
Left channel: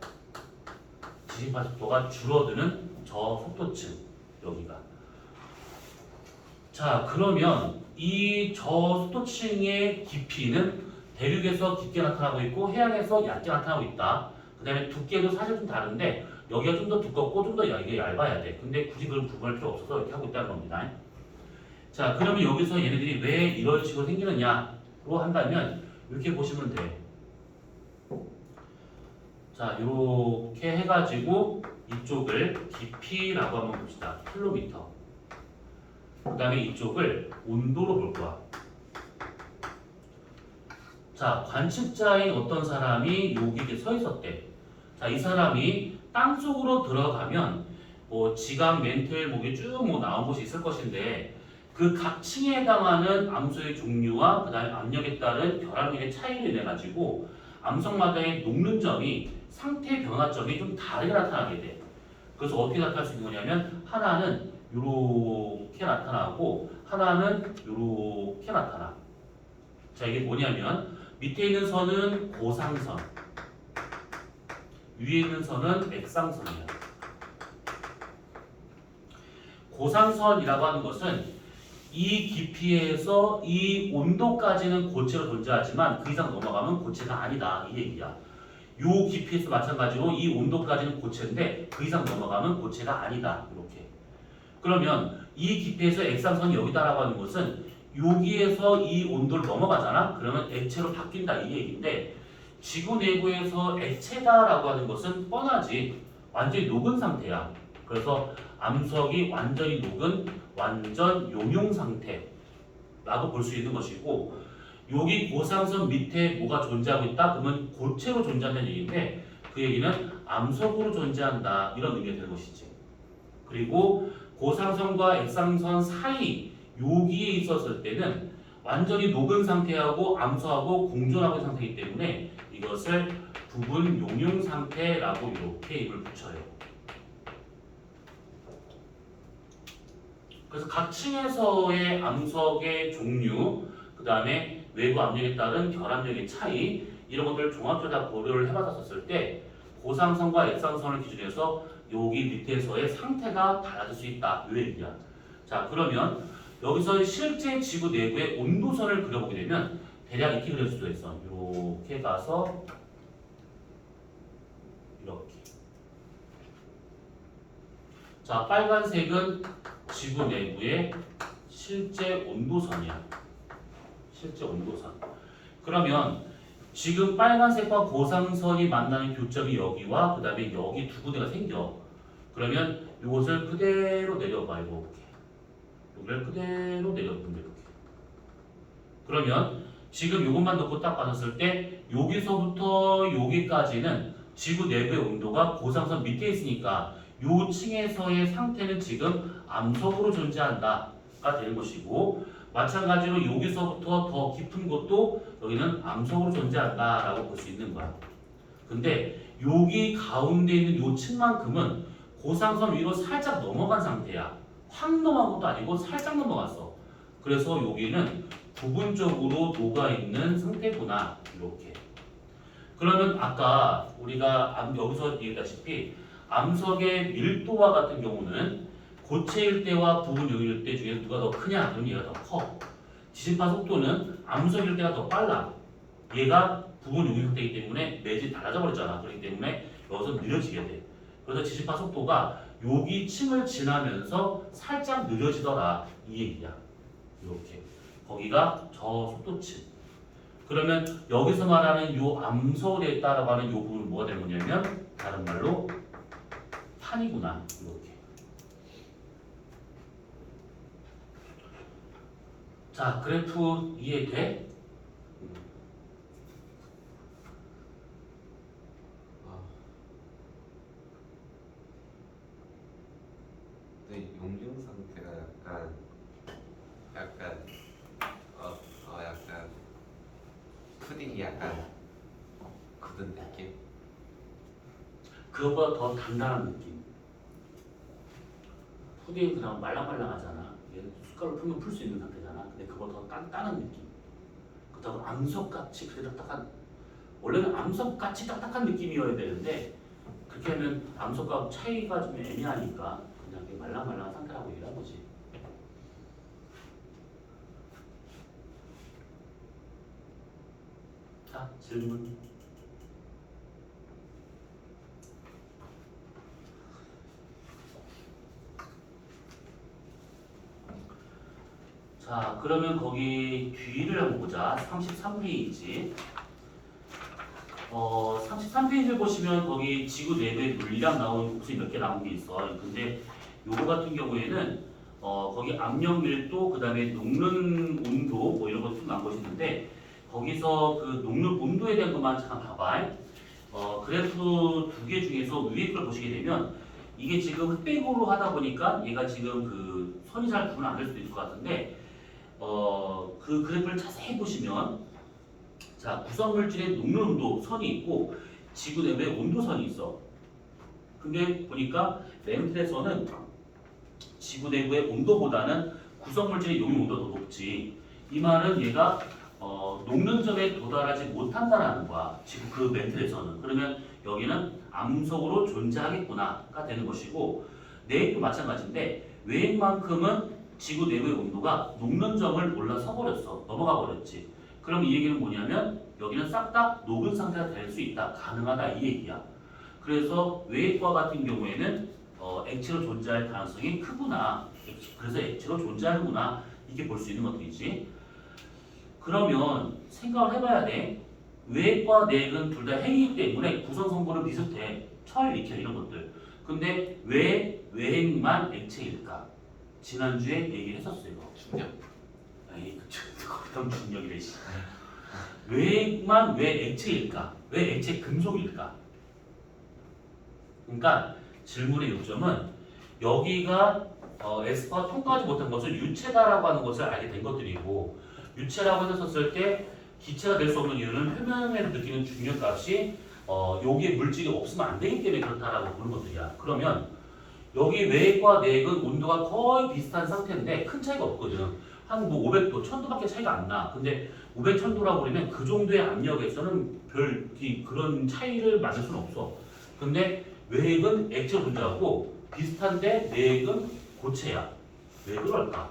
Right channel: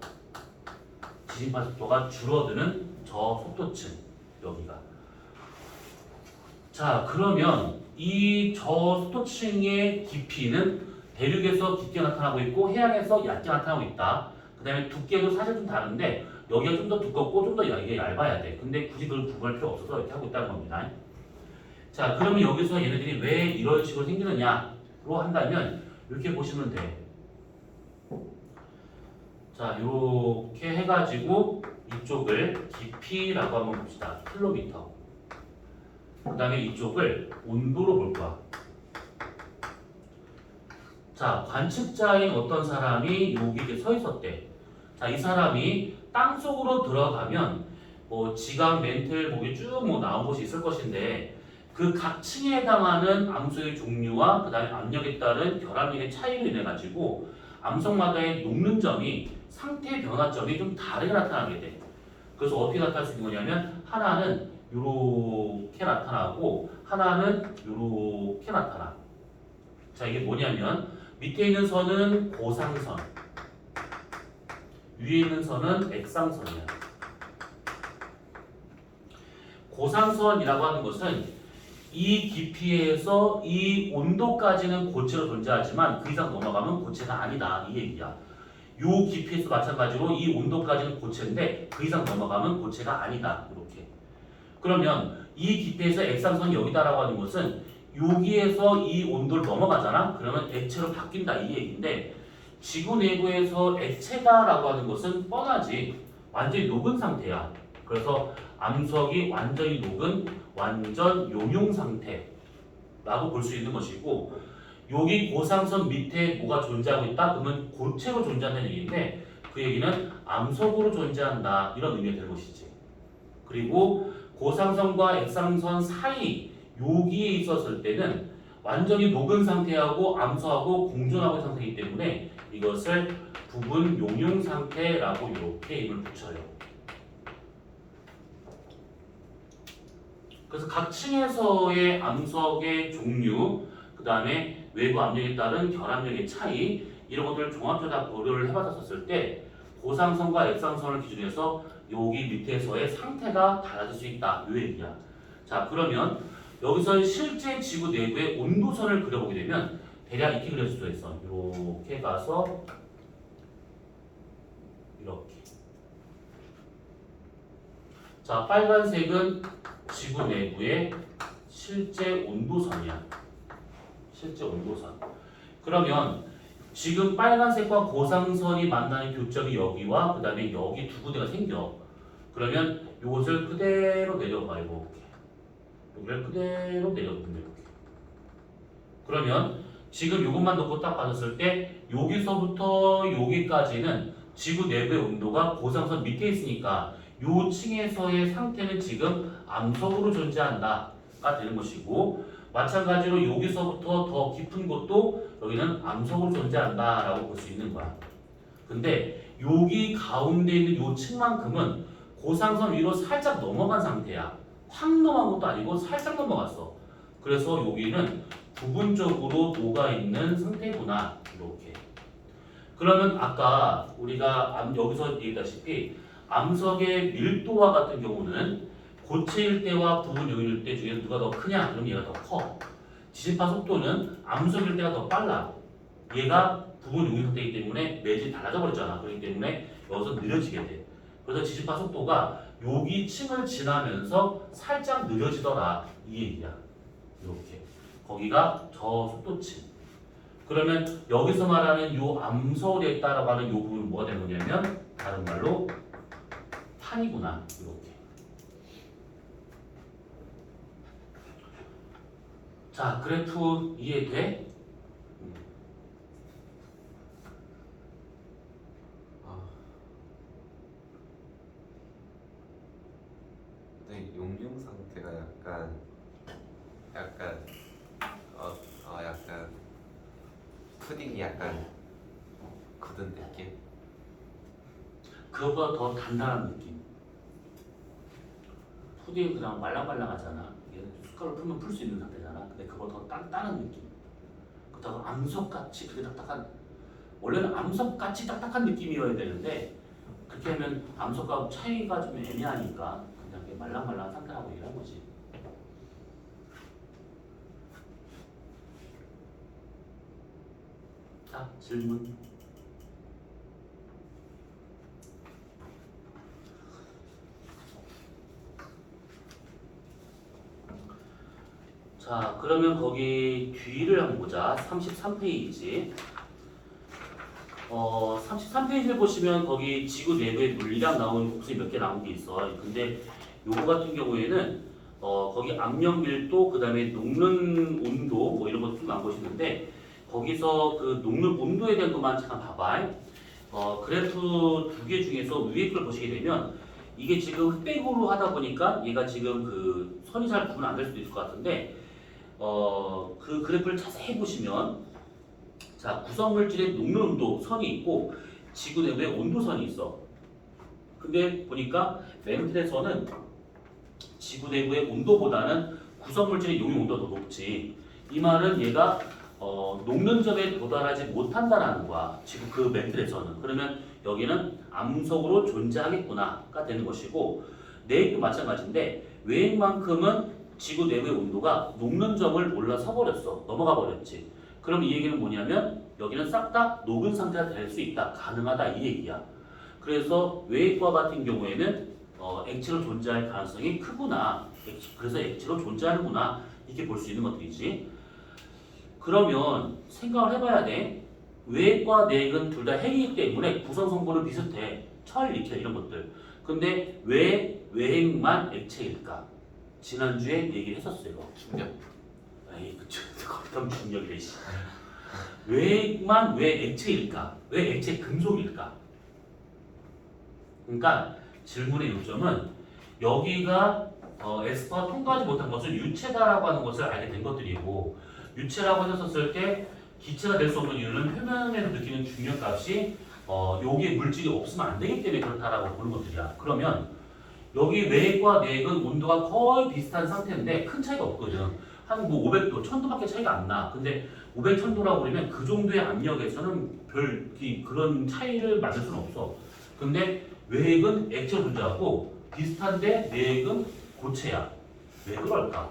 지진파 속도가 줄어드는 저속도층 여기가. 자 그러면 이 저속도층의 깊이는 대륙에서 깊게 나타나고 있고 해양에서 얕게 나타나고 있다. 그 다음에 두께도 사실 좀 다른데 여기가 좀 더 두껍고 좀 더 이게 얇아야 돼. 근데 굳이 그걸 구분할 필요 없어서 이렇게 하고 있다는 겁니다. 자 그러면 여기서 얘네들이 왜 이런 식으로 생기느냐로 한다면 이렇게 보시면 돼. 자 이렇게 해가지고 이쪽을 깊이라고 한번 봅시다. 킬로미터. 그 다음에 이쪽을 온도로 볼 거야. 자 관측자인 어떤 사람이 여기 이렇게 서 있었대. 자 이 사람이 땅 속으로 들어가면 뭐 지각, 멘틀, 목이 쭉 뭐 나온 것이 있을 것인데 그 각 층에 해당하는 암소의 종류와 그 다음에 압력에 따른 결합력의 차이로 인해 가지고 암석마다의 녹는 점이 상태 변화점이 좀 다르게 나타나게 돼. 그래서 어떻게 나타날 수 있는 거냐면 하나는 이렇게 나타나고 하나는 이렇게 나타나. 자 이게 뭐냐면 밑에 있는 선은 고상선, 위에 있는 선은 액상선이야. 고상선이라고 하는 것은 이 깊이에서 이 온도까지는 고체로 존재하지만 그 이상 넘어가면 고체가 아니다 이 얘기야. 이 깊이에서 마찬가지로 이 온도까지는 고체인데 그 이상 넘어가면 고체가 아니다 이렇게. 그러면 이 깊이에서 액상선이 여기다라고 하는 것은 여기에서 이 온도를 넘어가잖아. 그러면 액체로 바뀐다 이 얘기인데 지구 내부에서 액체다라고 하는 것은 뻔하지. 완전히 녹은 상태야. 그래서 암석이 완전히 녹은 완전 용융 상태라고 볼 수 있는 것이고 여기 고상선 밑에 뭐가 존재하고 있다? 그러면 고체로 존재한다는 얘기인데 그 얘기는 암석으로 존재한다 이런 의미가 될 것이지. 그리고 고상선과 액상선 사이 여기에 있었을 때는 완전히 녹은 상태하고 암소하고 공존하고 있는 상태이기 때문에 이것을 부분 용융 상태라고 이렇게 이름을 붙여요. 그래서 각 층에서의 암석의 종류, 그 다음에 외부 압력에 따른 결합력의 차이 이런 것들을 종합적으로 다 고려를 해봤었을 때 고상선과 액상선을 기준으로 해서 여기 밑에서의 상태가 달라질 수 있다. 이 얘기야. 자, 그러면 여기서 실제 지구 내부의 온도선을 그려보게 되면 대략 이렇게 그릴 수도 있어. 이렇게 가서 이렇게. 자, 빨간색은 지구 내부의 실제 온도선이야. 실제 온도선. 그러면 지금 빨간색과 고상선이 만나는 교점이 여기와 그 다음에 여기 두 군데가 생겨. 그러면 이것을 그대로 내려봐. 이렇게. 여기를 그대로 내려보면 이렇게. 그러면 지금 이것만 놓고 딱 봤을 때 여기서부터 여기까지는 지구 내부의 온도가 고상선 밑에 있으니까 요 층에서의 상태는 지금 암석으로 존재한다가 되는 것이고 마찬가지로 여기서부터 더 깊은 곳도 여기는 암석으로 존재한다라고 볼 수 있는 거야. 근데 여기 가운데 있는 요 층만큼은 고상선 위로 살짝 넘어간 상태야. 확 넘어간 것도 아니고 살짝 넘어갔어. 그래서 여기는 부분적으로 녹아있는 상태구나. 이렇게. 그러면 아까 우리가 여기서 얘기했다시피 암석의 밀도와 같은 경우는 고체일 때와 부분 용일 때 중에 누가 더 크냐? 그럼 얘가 더 커. 지진파 속도는 암석일 때가 더 빨라. 얘가 부분 용일 상태이기 때문에 매질이 달라져 버렸잖아. 그렇기 때문에 여기서 느려지게 돼. 그래서 지진파 속도가 여기 층을 지나면서 살짝 느려지더라. 이 얘기야. 이렇게. 거기가 저 속도층. 그러면 여기서 말하는 요 암석에 따라가는 요 부분은 뭐가 되는 거냐면 다른 말로 탄이구나. 이렇게. 자, 그래프 이해돼? 근데 용융 상태가 약간 푸딩이 약간 굳은 느낌? 그거보다 더 단단한 느낌. 푸딩은 그냥 말랑말랑하잖아. 얘 숟가락을 풀면 풀 수 있는 상태잖아. 근데 그거보다 더 단단한 느낌. 그렇다고 암석같이 그게 딱딱한, 원래는 암석같이 딱딱한 느낌이어야 되는데 그렇게 하면 암석과 차이가 좀 애매하니까 그냥 이렇게 말랑말랑한 상태라고 얘기하는 거지. 자, 질문. 자, 그러면 거기 뒤를 한번 보자. 33페이지. 33페이지를 보시면 거기 지구 내부의 물량 나오는 복수이 몇 개 나온 게 있어. 근데 요거 같은 경우에는 거기 압력 밀도, 그 다음에 녹는 온도 뭐 이런 것도 쭉 나온 것이 있는데 거기서 그 녹는 온도에 대한 것만 잠깐 봐봐. 그래프 두 개 중에서 위에 걸 보시게 되면 이게 지금 흑백으로 하다 보니까 얘가 지금 그 선이 잘 구분 안 될 수도 있을 것 같은데 그 그래프를 자세히 보시면 자, 구성물질의 녹는 온도 선이 있고 지구 내부에 온도선이 있어. 근데 보니까 램플에서는 지구 내부의 온도보다는 구성물질의 용융 온도가 더 높지. 이 말은 얘가 녹는 점에 도달하지 못한다라는 거야. 지금 그 램플에서는. 그러면 여기는 암석으로 존재하겠구나가 되는 것이고 내액도 마찬가지인데 외액만큼은 지구 내부의 온도가 녹는 점을 올라서 버렸어. 넘어가 버렸지. 그럼 이 얘기는 뭐냐면 여기는 싹 다 녹은 상태가 될 수 있다. 가능하다. 이 얘기야. 그래서 외액과 같은 경우에는 액체로 존재할 가능성이 크구나. 그래서 액체로 존재하는구나. 이렇게 볼 수 있는 것들이지. 그러면 생각을 해봐야 돼. 외액과 내액은 둘 다 핵이기 때문에 구성 성분은 비슷해. 철, 니켈 이런 것들. 근데 왜 외핵만 액체일까? 지난주에 얘기를 했었어 이거. 충격. 거기다 중력이래. 외액만 왜 액체일까? 왜 액체 금속일까? 그러니까 질문의 요점은 여기가 S파 통과하지 못한 것을 유체다라고 하는 것을 알게 된 것들이고 유체라고 했었을 때 기체가 될 수 없는 이유는 표면에서 느끼는 중력값이 여기에 물질이 없으면 안 되기 때문에 그렇다라고 보는 것들이야. 그러면 여기 외액과 내액은 온도가 거의 비슷한 상태인데 큰 차이가 없거든. 한 뭐 500도, 1000도밖에 차이가 안 나. 근데 500, 1000도라고 그러면 그 정도의 압력에서는 그런 차이를 맞을 수는 없어. 근데 외액은 액체로 존재하고 비슷한데 내액은 고체야. 왜 그럴까?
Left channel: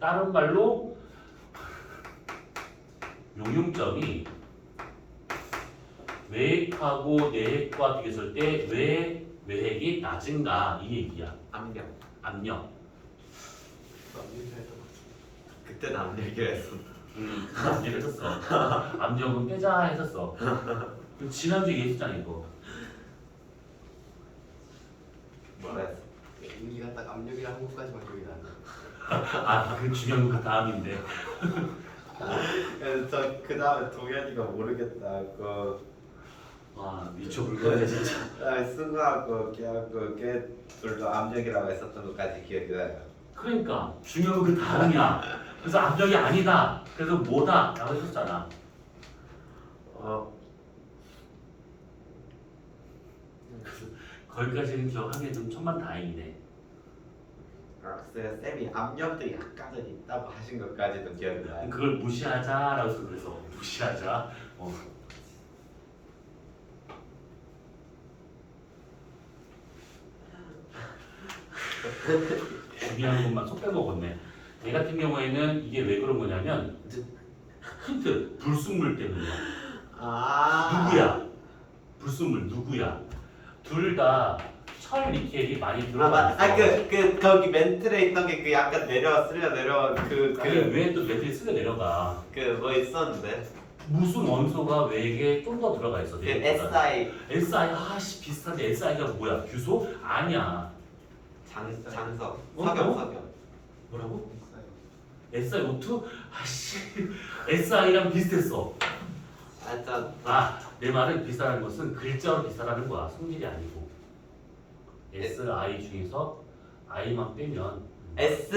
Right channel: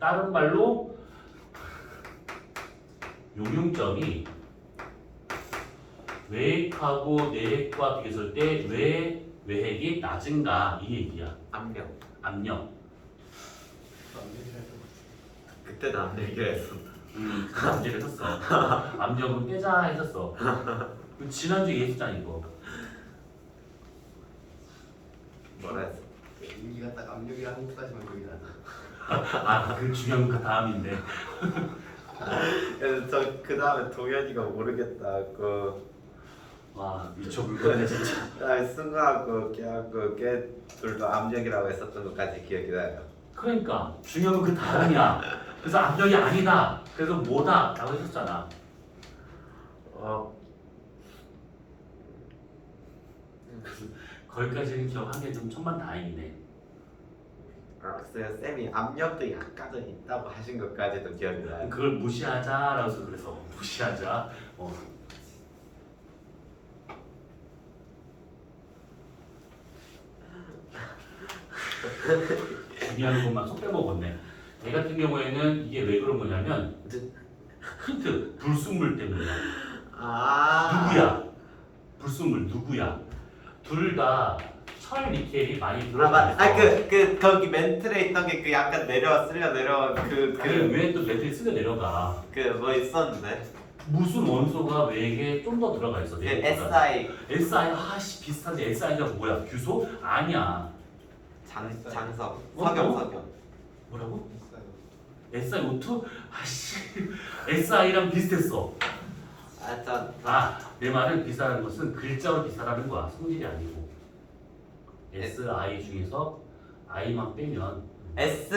다른 말로 용융점이 외액하고 내액과 비교했을 때 왜 외핵이 낮은가 이 얘기야. 압력. 압력. 그때는 압력이었었다. 압력을 했었어. 압력은 깨자 했었어. 지난주에 얘기했잖아 이거. 뭐라 했어? 우리가 딱 압력이랑 한국까지만 기억이 나네. 그 중요한 거 다음인데. 그래서 저그 다음에 동현이가 모르겠다. 와 미쳐불겠네 진짜. 그다음에 승우하고 걔하고 걔 둘도 압력이라고 했었던 것까지 기억이 나요. 그러니까 중요한 건 그 다음이야. 그래서 압력이 아니다. 그래서 뭐다? 라고 했었잖아. 거기까지는 기억한 게 좀 천만다행이네. 글쎄요, 쌤이 압력도 약간은 있다고 하신 것까지도 기억이 나요. 그걸 무시하자라고 그래서 무시하자. 중요한 것만 쏙 빼먹었네. 얘 같은 경우에는 이게 왜 그런 거냐면 힌트 불순물 때문이야. 누구야? 불순물 누구야? 둘 다 철 니켈이 많이 들어가 있어. 거기 멘틀에 있던 게 그 약간 내려온 왜또 매트리 쓰려 내려가? 뭐 있었는데 무슨 원소가 외액에 좀 더 들어가 있어? 그 SI SI 비슷한데 SI가 뭐야? 규소? 아니야. 장석 어? 석영 뭐라고? SiO2? SI랑 비슷했어. 내 말은 비슷하다는 것은 글자가 비슷하다는 거야. 성질이 아니고. SI 중에서 I만 빼면 S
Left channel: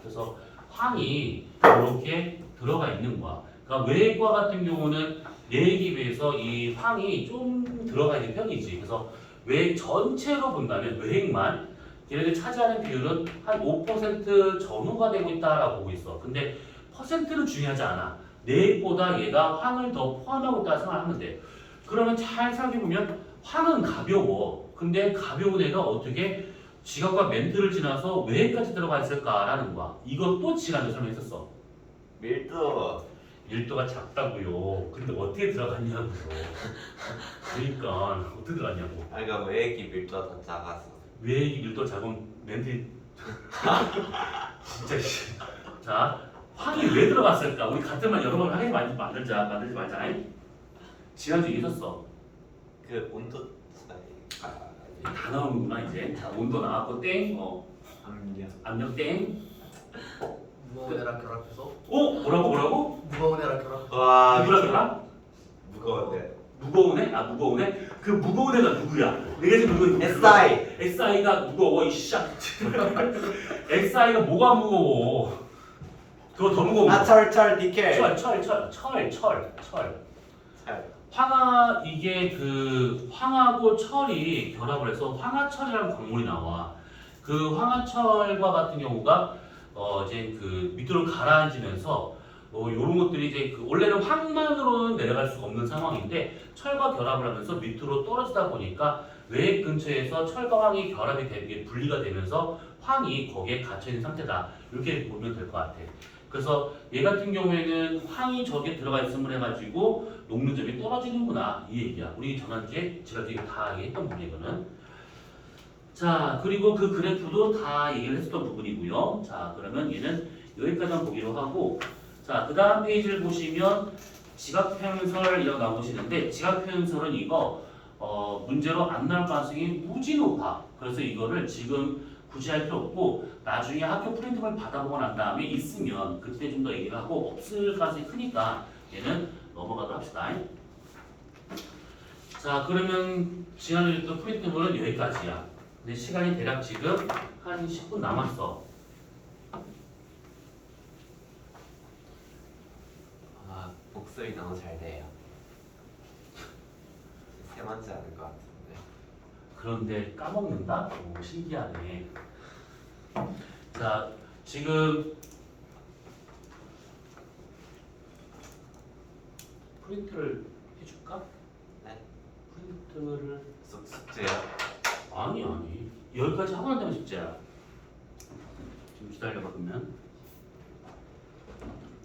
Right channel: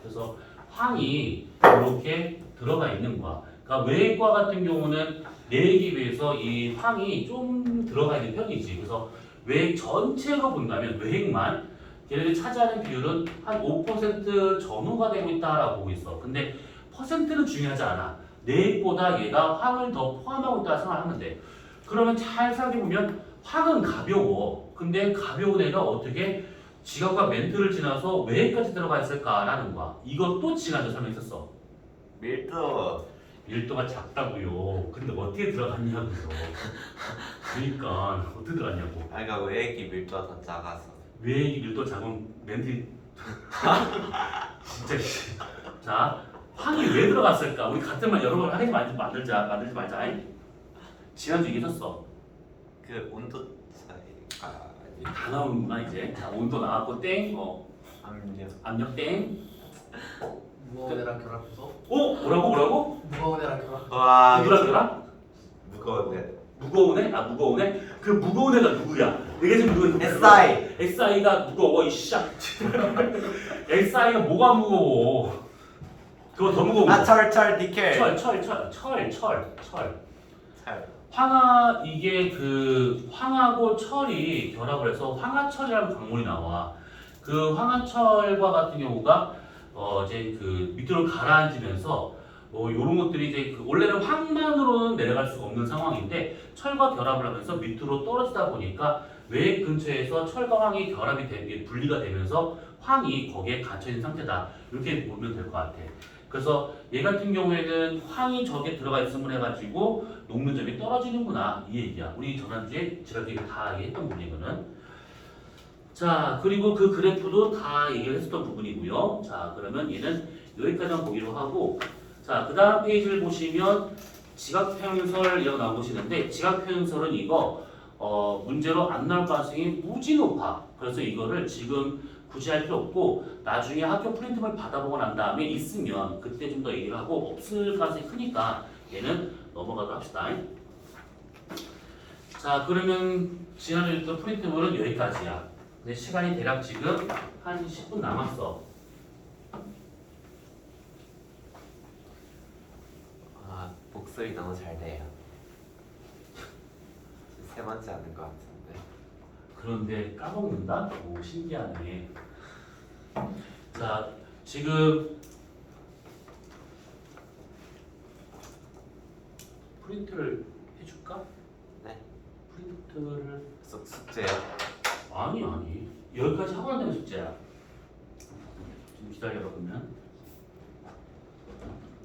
그래서 황이 이렇게 들어가 있는 거야. 그러니까 외액과 같은 경우는 내액에 비해서 이 황이 좀 들어가 있는 편이지. 그래서 외액 전체로 본다면 외액만 얘네들 차지하는 비율은 한 5% 전후가 되고 있다라고 보고 있어. 근데 퍼센트는 중요하지 않아. 내액보다 얘가 황을 더 포함하고 있다 생각하면 돼. 그러면 잘 생각해보면 황은 가벼워. 근데 가벼운 애가 어떻게 지각과 멘트를 지나서 외액까지 들어가 있을까라는 거야. 이것도 지난주에 설명했었어. 밀도가 작다고요. 근데 어떻게 들어갔냐고요. 그러니까 어떻게 들어갔냐고. 그러니까 외액이 밀도가 더 작아서 외액이 밀도 작은 멘트 진짜 자 황이 왜 들어갔을까? 우리 같은 말 여러 번 하지 만들지 말자. 지난주 얘기했었어. 그 온도 차이가 다 나오는구나 이제. 자, 온도 나왔고 땡. 압력 땡. 무거운 애랑 결합해서 뭐라고? 무거운 애랑 결합. 와 누구랑? 무거운데 무거운 애? 무거운 애? 그 무거운 애가 누구야? 내가 지금 누구? SI SI가 무거워 이씨야. SI가 뭐가 무거워? 그거 더 무거워. 철 니켈 철. 이게 그 황하고 철이 결합을 해서 황화철이라는 광물이 나와. 그 황화철과 같은 경우가 이제 그 밑으로 가라앉으면서 이런 것들이 이제 그 원래는 황만으로는 내려갈 수가 없는 상황인데 철과 결합을 하면서 밑으로 떨어지다 보니까 외액 근처에서 철과 황이 결합이 되게 분리가 되면서 황이 거기에 갇혀 있는 상태다. 이렇게 보면 될 것 같아. 그래서 얘 같은 경우에는 황이 저기에 들어가 있음을 해가지고 녹는 점이 떨어지는구나 이 얘기야. 우리 지난주에 지난주에 다 얘기했던 부분이거든. 자 그리고 그 그래프도 다 얘기를 했었던 부분이고요. 자 그러면 얘는 여기까지만 보기로 하고 자 그 다음 페이지를 보시면 지각표현설이라고 나온 것이 있는데 지각표현설은 이거 문제로 안 나올 가능성이 무지 높아. 그래서 이거를 지금 굳이 할 필요 없고 나중에 학교 프린트를 받아보고 난 다음에 있으면 그때 좀 더 얘기를 하고 없을 가능성이 크니까 얘는 넘어가도록 합시다. 자, 그러면 지난번에 했던 프린트물은 여기까지야. 근데 시간이 대략 지금 한 10분 남았어. 아, 복습이 너무 잘 돼요. 세 번째 하는 것 같은데. 그런데 까먹는다? 오, 신기하네. 자, 지금 프린트를 해줄까? 네. 프린트를 숙제요? 아니 여기까지 하고 난 다음에 숙제야. 좀 기다려봐 그러면.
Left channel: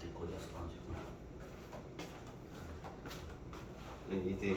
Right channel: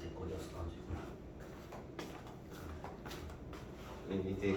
내 거기서 가지고. 이제